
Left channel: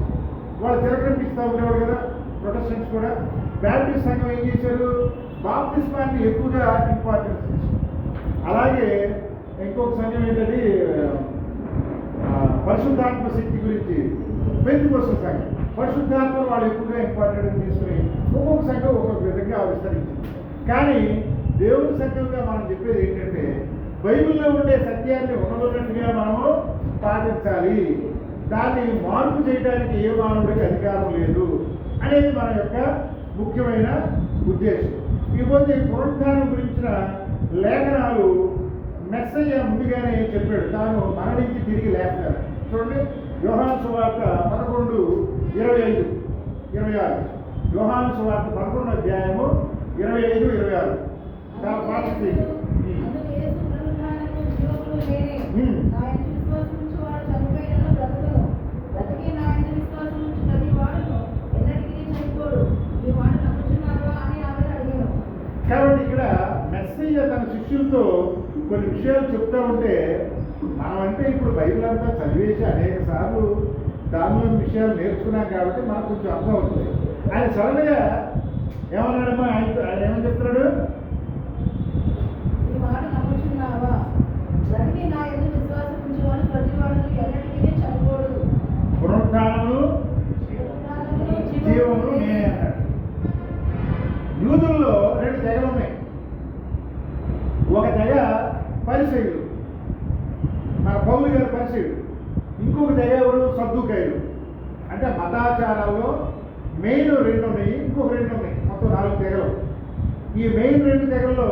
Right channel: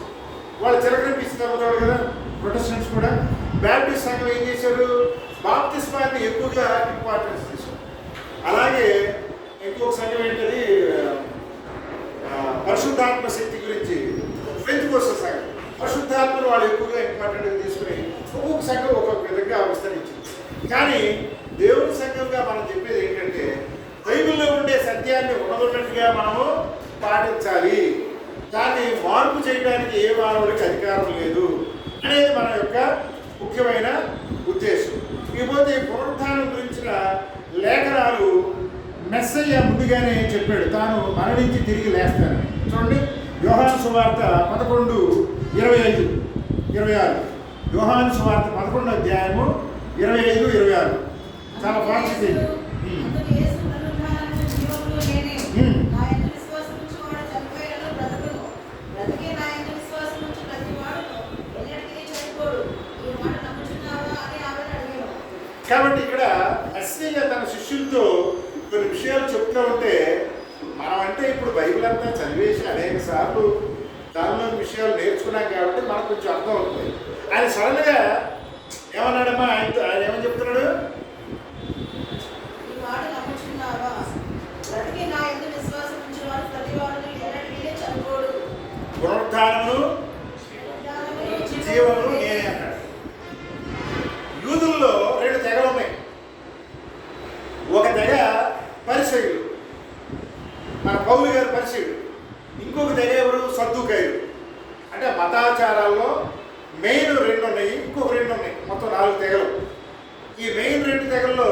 వాళ్ళు చిరకనిపిస్తూ ఉండేవారు కదా. ప్రొటెస్టెంట్స్ కూడా బ్యాప్టిస్ట్ సంఘం ఏం చేశారు, బాప్తిస్మాన్ని ఎక్కువగా ఇంపార్టెన్స్ తీసుకుంటారు. అలాగే ఇంకొక సంఘం ఏంటది, పరిశుద్ధాత్మ శక్తి గురించి పెంతెకోస్తు సంఘం పరిశుద్ధాత్మను వాళ్ళు ఎక్కువగా ఇంపార్టెంట్గా తీసుకుని ఒక్కొక్క సంఘం ఒక్కొక్క విధంగా విస్తరించింది. కానీ దేవుని సంఘంగా మనం చెప్పేది ఏంటంటే బైబిల్లో ఉండే సత్యాన్ని ఉన్నదన్నట్టుగా మనము పాటించాలి. దాన్ని మార్పు చేయడానికి ఏ మానవుడికి అధికారం లేదు అనేది మన యొక్క ముఖ్యమైన ఉద్దేశం. ఇకపోతే పునరుత్థానం గురించిన లేఖనాలు మెస్సయ్య ముందుగానే చెప్పాడు, తాను మరణించి తిరిగి లేస్తాను. చూడండి, యోహాను సువార్త 11:25-26. యోహాను సువార్త 11వ అధ్యాయము 25-26. చాలా ఫాస్ట్ ఇది. అందుకు యేసు పునరుత్థానము జీవమును నేనే. నా యందు విశ్వాసం ఉంచువాడు చనిపోయినను బ్రతుకును. బ్రతికి నా యందు విశ్వాసం ఉంచు ప్రతివాడును ఎన్నటికీ చనిపోడు. ఈ మాట నమ్ముచున్నావా అని ఆమెను అడిగాను. కాబట్టి ఇక్కడ మెస్సయ్య తన శిష్యులతో కొన్ని విషయాలు చెప్తూ ఉంటే, మనం అంటే ఇప్పుడు బైబిల్ అంతా చదివేసి అనేక సార్లు దానిలోని విషయాలు నేర్చుకున్నాం కాబట్టి మనకు కొంచెం అర్థం అవుతుంది. ఆయన సడన్గా ఏమన్నాడమ్మా, ఆయన ఏమని చెప్తున్నాడు? ఈ మాట నమ్ముచున్నావా? బ్రతికి నా యందు విశ్వాసం ఉంచువాడు ప్రతివాడును ఎన్నటికీ చనిపోడు. పునరుత్థానమును జీవమును నేనే అన్నాడు. యూదుల్లో 2 తెగలు ఉన్నాయి. ఒక తెగ పరిసయ్యులు, మన పౌలు గారు పరిసయ్యుడు. ఇంకొక తెగ ఎవరు? సద్దుకాయులు. అంటే మతాచారాల్లో మెయిన్ 2 ఉన్నాయి, ఇంకొక 2 ఉన్నాయి, మొత్తం 4 తెగలు. ఈ మెయిన్ 2 తెగల్లో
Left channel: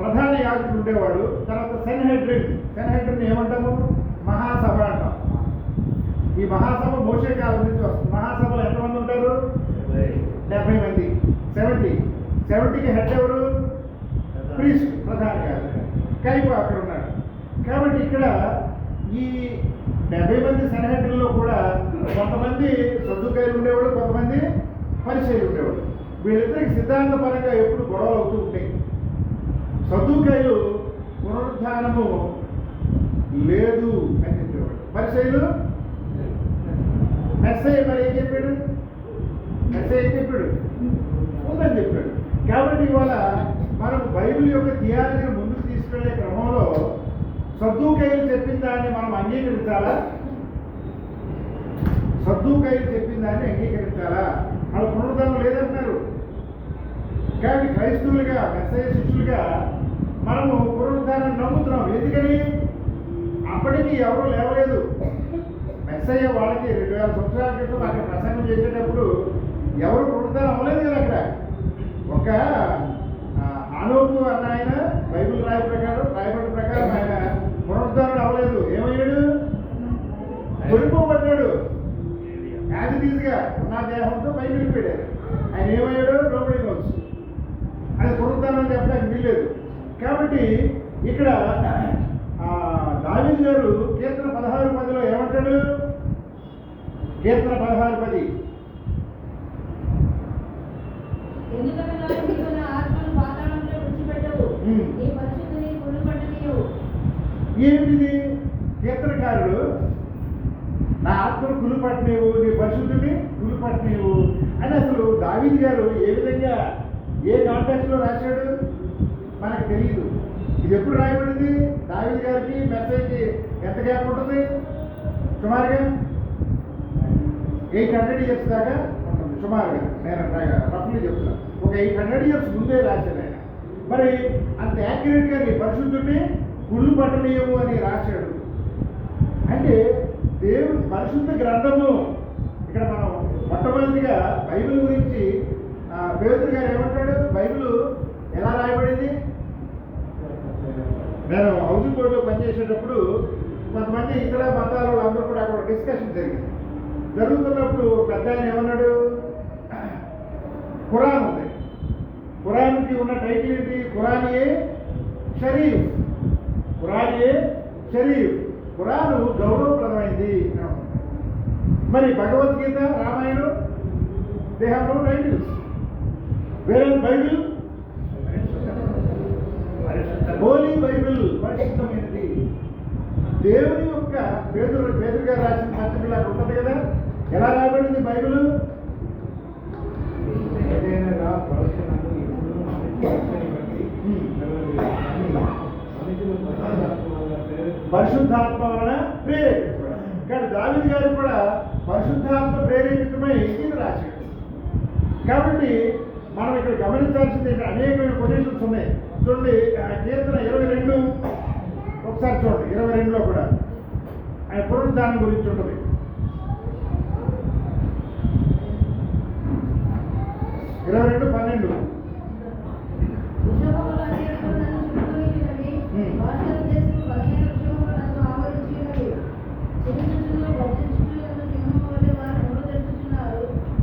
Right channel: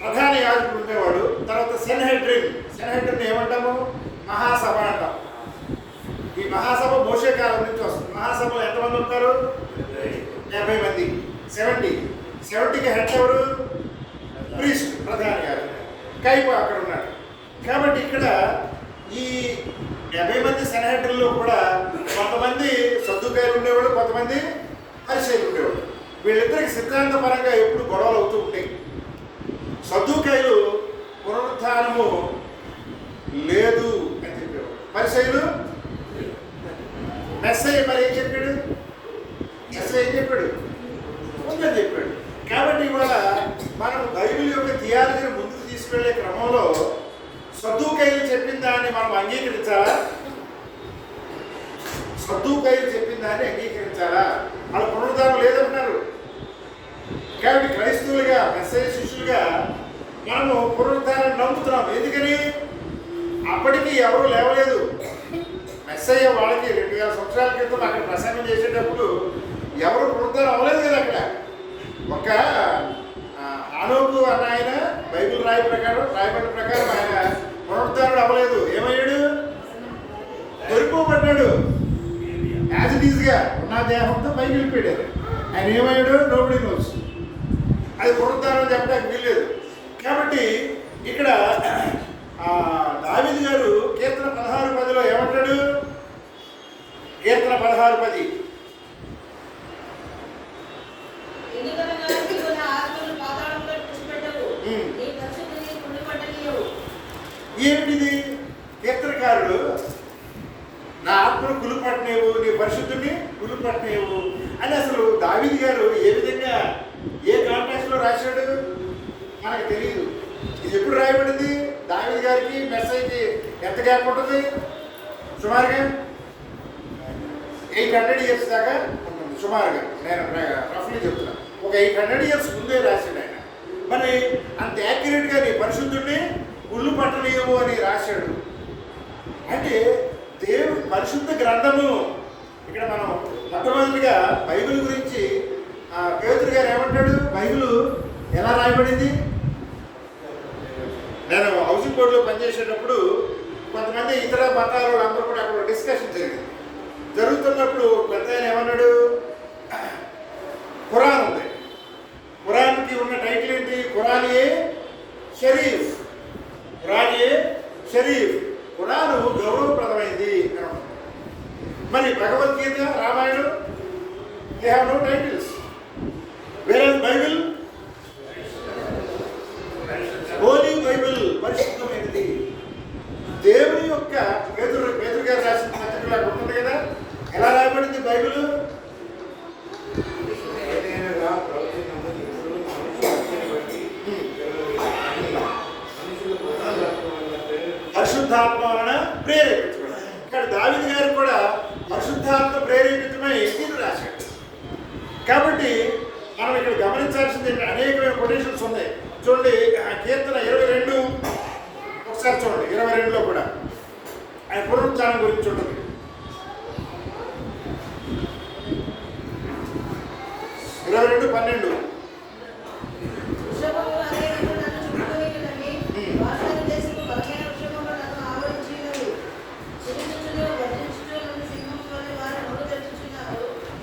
ప్రధాన యాజకుడు ఉండేవాడు. తర్వాత సెన్హెడ్రిన్ ఏమంటాము? మహాసభ అంటాం. ఈ మహాసభ మోషే కాలం నుంచి వస్తుంది. మహాసభలో ఎంతమంది ఉంటారు? 70 మంది. 70కి హెడ్ ఎవరు? ప్రీస్ట్, ప్రధాన యాజకుడు. కైపు అక్కడ ఉన్నాడు. కాబట్టి ఇక్కడ ఈ 70 మంది సెనహెడ్రుల్లో కూడా కొంతమంది సద్దుకాయలు ఉండేవాళ్ళు, కొంతమంది పరిచయాలు ఉండేవాళ్ళు. వీళ్ళిద్దరికి సిద్ధాంతపరంగా ఎప్పుడు గొడవలు అవుతూ ఉంటాయి. సద్దుకాయలు పునరుత్థానము లేదు అని చెప్పేవాడు. పరిచయాలు మెస్సయ్య మరి ఏం చెప్పాడు? ఉందని చెప్పాడు. కాబట్టి ఇవాళ మనం బైబిల్ యొక్క థియాలజీని ముందుకు తీసుకెళ్లే క్రమంలో సద్దుకాయలు చెప్పిన దాన్ని మనం అంగీకరించాలా? వాళ్ళు పునరుద్ధానం లేదంటున్నారు. కాబట్టి క్రైస్తవులుగా, మెస్సయ్య శిష్యులుగా మనము పునరుద్ధానాన్ని నమ్ముతున్నాం. ఎందుకని? అప్పటికి ఎవరు లేవలేదు. మెస్సయ్య వాళ్ళకి 2000 సంవత్సరాల క్రితం అక్కడ ప్రసంగం చేసేటప్పుడు ఎవరు పునరుద్ధానం అవ్వలేదు కదా. అక్కడ ఒక ఆనోకు అన్న ఆయన బైబిల్ రాయబడిన ప్రకారం ఆయన పునరుద్ధానం అవ్వలేదు. ఏమయ్యాడు? దొరికిపోబడ్డాడు. యాజ్ ఇట్ ఈజ్గా ఉన్న దేహంతో పైకి వెళ్ళిపోయాడు. ఆయన ఏమయ్యాడు? Nobody nose. అది పునరుద్ధానం చెప్పడానికి వీల్లేదు. కాబట్టి ఇక్కడ దావీదు గారు కీర్తన 16:10 ఏమంటాడు? కీర్తన 16:10 ఎందుకనగా నీవు నా ఆత్మను పాతాళంలో విడిచిపెట్టవు. నీ పరిశుద్ధిని కుళ్ళిపట్టనీయవు. ఏమిటిది? కీర్తనకారుడు నా ఆత్మను కుళ్ళిపట్టనేవు, నీ పరిశుద్ధిని కుళ్ళిపట్టనేవు అని అసలు దావీదు గారు ఏ విధంగా, ఏ కాంటెక్స్లో రాశాడు మనకు తెలియదు. ఇది ఎప్పుడు రాయబడింది? దావీదు గారికి మెస్సయ్యకి ఎంత గ్యాప్ ఉంటుంది? సుమారుగా 800 years దాకా ఉంటుంది. సుమారుగా నేను రఫ్లీ చెప్తున్నాను. ఒక 800 years ముందే రాశాడు ఆయన. మరి అంత యాక్యురేట్గా నీ పరిశుద్ధుడిని గుళ్ళు పట్టలేవు అని రాశాడు. అంటే దేవుడు పరిశుద్ధ గ్రంథము. ఇక్కడ మనం మొట్టమొదటిగా బైబిల్ గురించి పేతురు గారు ఏమంటాడు? బైబిల్ ఎలా రాయబడింది? నేను హౌసింగ్ బోర్డులో పనిచేసేటప్పుడు కొంతమంది ఇతర మతాల వాళ్ళందరూ కూడా అక్కడ డిస్కషన్ జరుగుతున్నప్పుడు పెద్ద ఆయన ఏమన్నాడు? ఖురాన్ ఉంది. ఖురాన్కి ఉన్న టైటిల్ ఏంటి? ఖురాన్-ఏ షరీఫ్. ఖురాను గౌరవప్రదమైంది. మరి Bhagavad Gita, Ramayanam, they have no titles. వేరే బైబిల్ హోలీ బైబిల్, పరిశుద్ధమైనది. దేవుని యొక్క పేతురు గారు రాసిన పత్రికలు అక్కడ ఉంటుంది కదా. ఎలా రాయబడింది బైబిల్? పరిశుద్ధాత్మ వలన ప్రేరేపించబడాలి. కానీ దావీదు గారు కూడా పరిశుద్ధాత్మ ప్రేరేపితమై ఇది రాశాడు. కాబట్టి మనం ఇక్కడ గమనించాల్సింది అనేకమైన కొటేషన్స్ ఉన్నాయి. చూడండి కీర్తన 22 ఒకసారి చూడండి. 22లో కూడా ఆయన పునరుద్ధానం గురించి ఉంటుంది. 22:12 వృషభములు అనేకులు నన్ను చుట్టుకొనియున్నవి. బాషాను దేశపు బలమైన వృషభములు నన్ను ఆవరించినవి. చిరుచుచును గర్జించుచు నన్ను సింహము వలె వారు నోరు తెరుచుచున్నారు.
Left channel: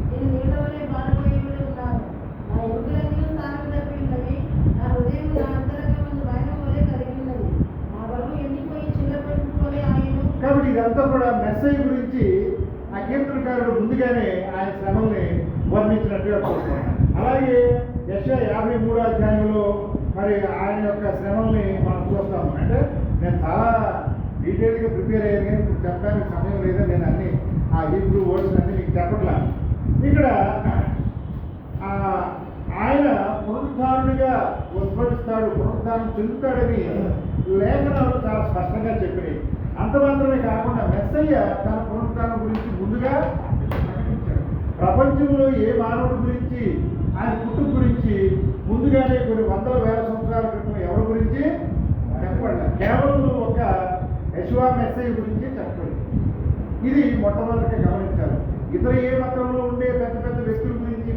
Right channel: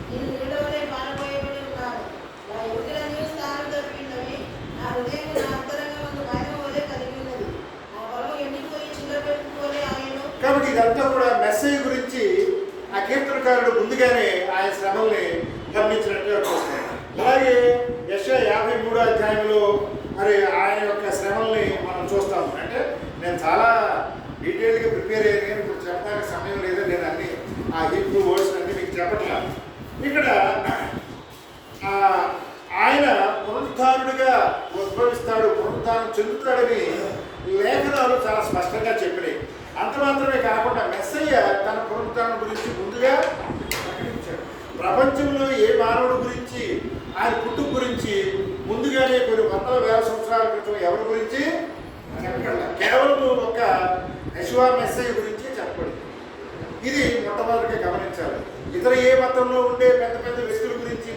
నేను నీడ వలె పారవేయబడి ఉన్నాను. నా ఎముకలన్నీ స్థానం తప్పినవి. నా హృదయం నా అంతరంగమందు భయము వలె కలిగి ఉన్నది. నా బలము ఎండిపోయి చిల్లపెట్టు వలె ఆయను. కాబట్టి ఇదంతా కూడా మెస్సేజ్ గురించి ఆ కీర్తనకారుడు ముందుగానే ఆయన శ్రమల్ని వర్ణించినట్టుగా చూస్తాం. అలాగే యెషయా 53వ అధ్యాయంలో మరి ఆయన యొక్క శ్రమల్ని మనం చూస్తాము. అంటే నేను చాలా డీటెయిల్గా ప్రిపేర్ అయ్యాను, కానీ ఇప్పుడు చెప్పడానికి సమయం లేదు. నేను అన్ని ఆ హీబ్రూ వర్డ్స్ అన్ని మీకు చెప్పట్లా. ఇక్కడ ఆయన పునరుద్ధారుడిగా ఉద్భవిస్తాడు, పునరుద్ధానం చెందుతాడని లేఖనాలు చాలా స్పష్టంగా చెప్పినాయి. అంత మాత్రమే కాకుండా మెస్సయ్య తన పునరుద్ధానం గురించి ముందుగా ప్రకటించాడు. ప్రపంచంలో ఏ మానవుడి గురించి ఆయన పుట్టుక గురించి ముందుగానే కొన్ని వందల వేల సంవత్సరాల క్రితం ఎవరి గురించి చెప్పబడలే. కేవలం ఒక యెషువా మెస్సయ్య గురించి చెప్పబడింది. ఇది మొట్టమొదటిగా గమనించాలి. ఇతర ఏ మతంలో ఉండే పెద్ద పెద్ద వ్యక్తుల గురించి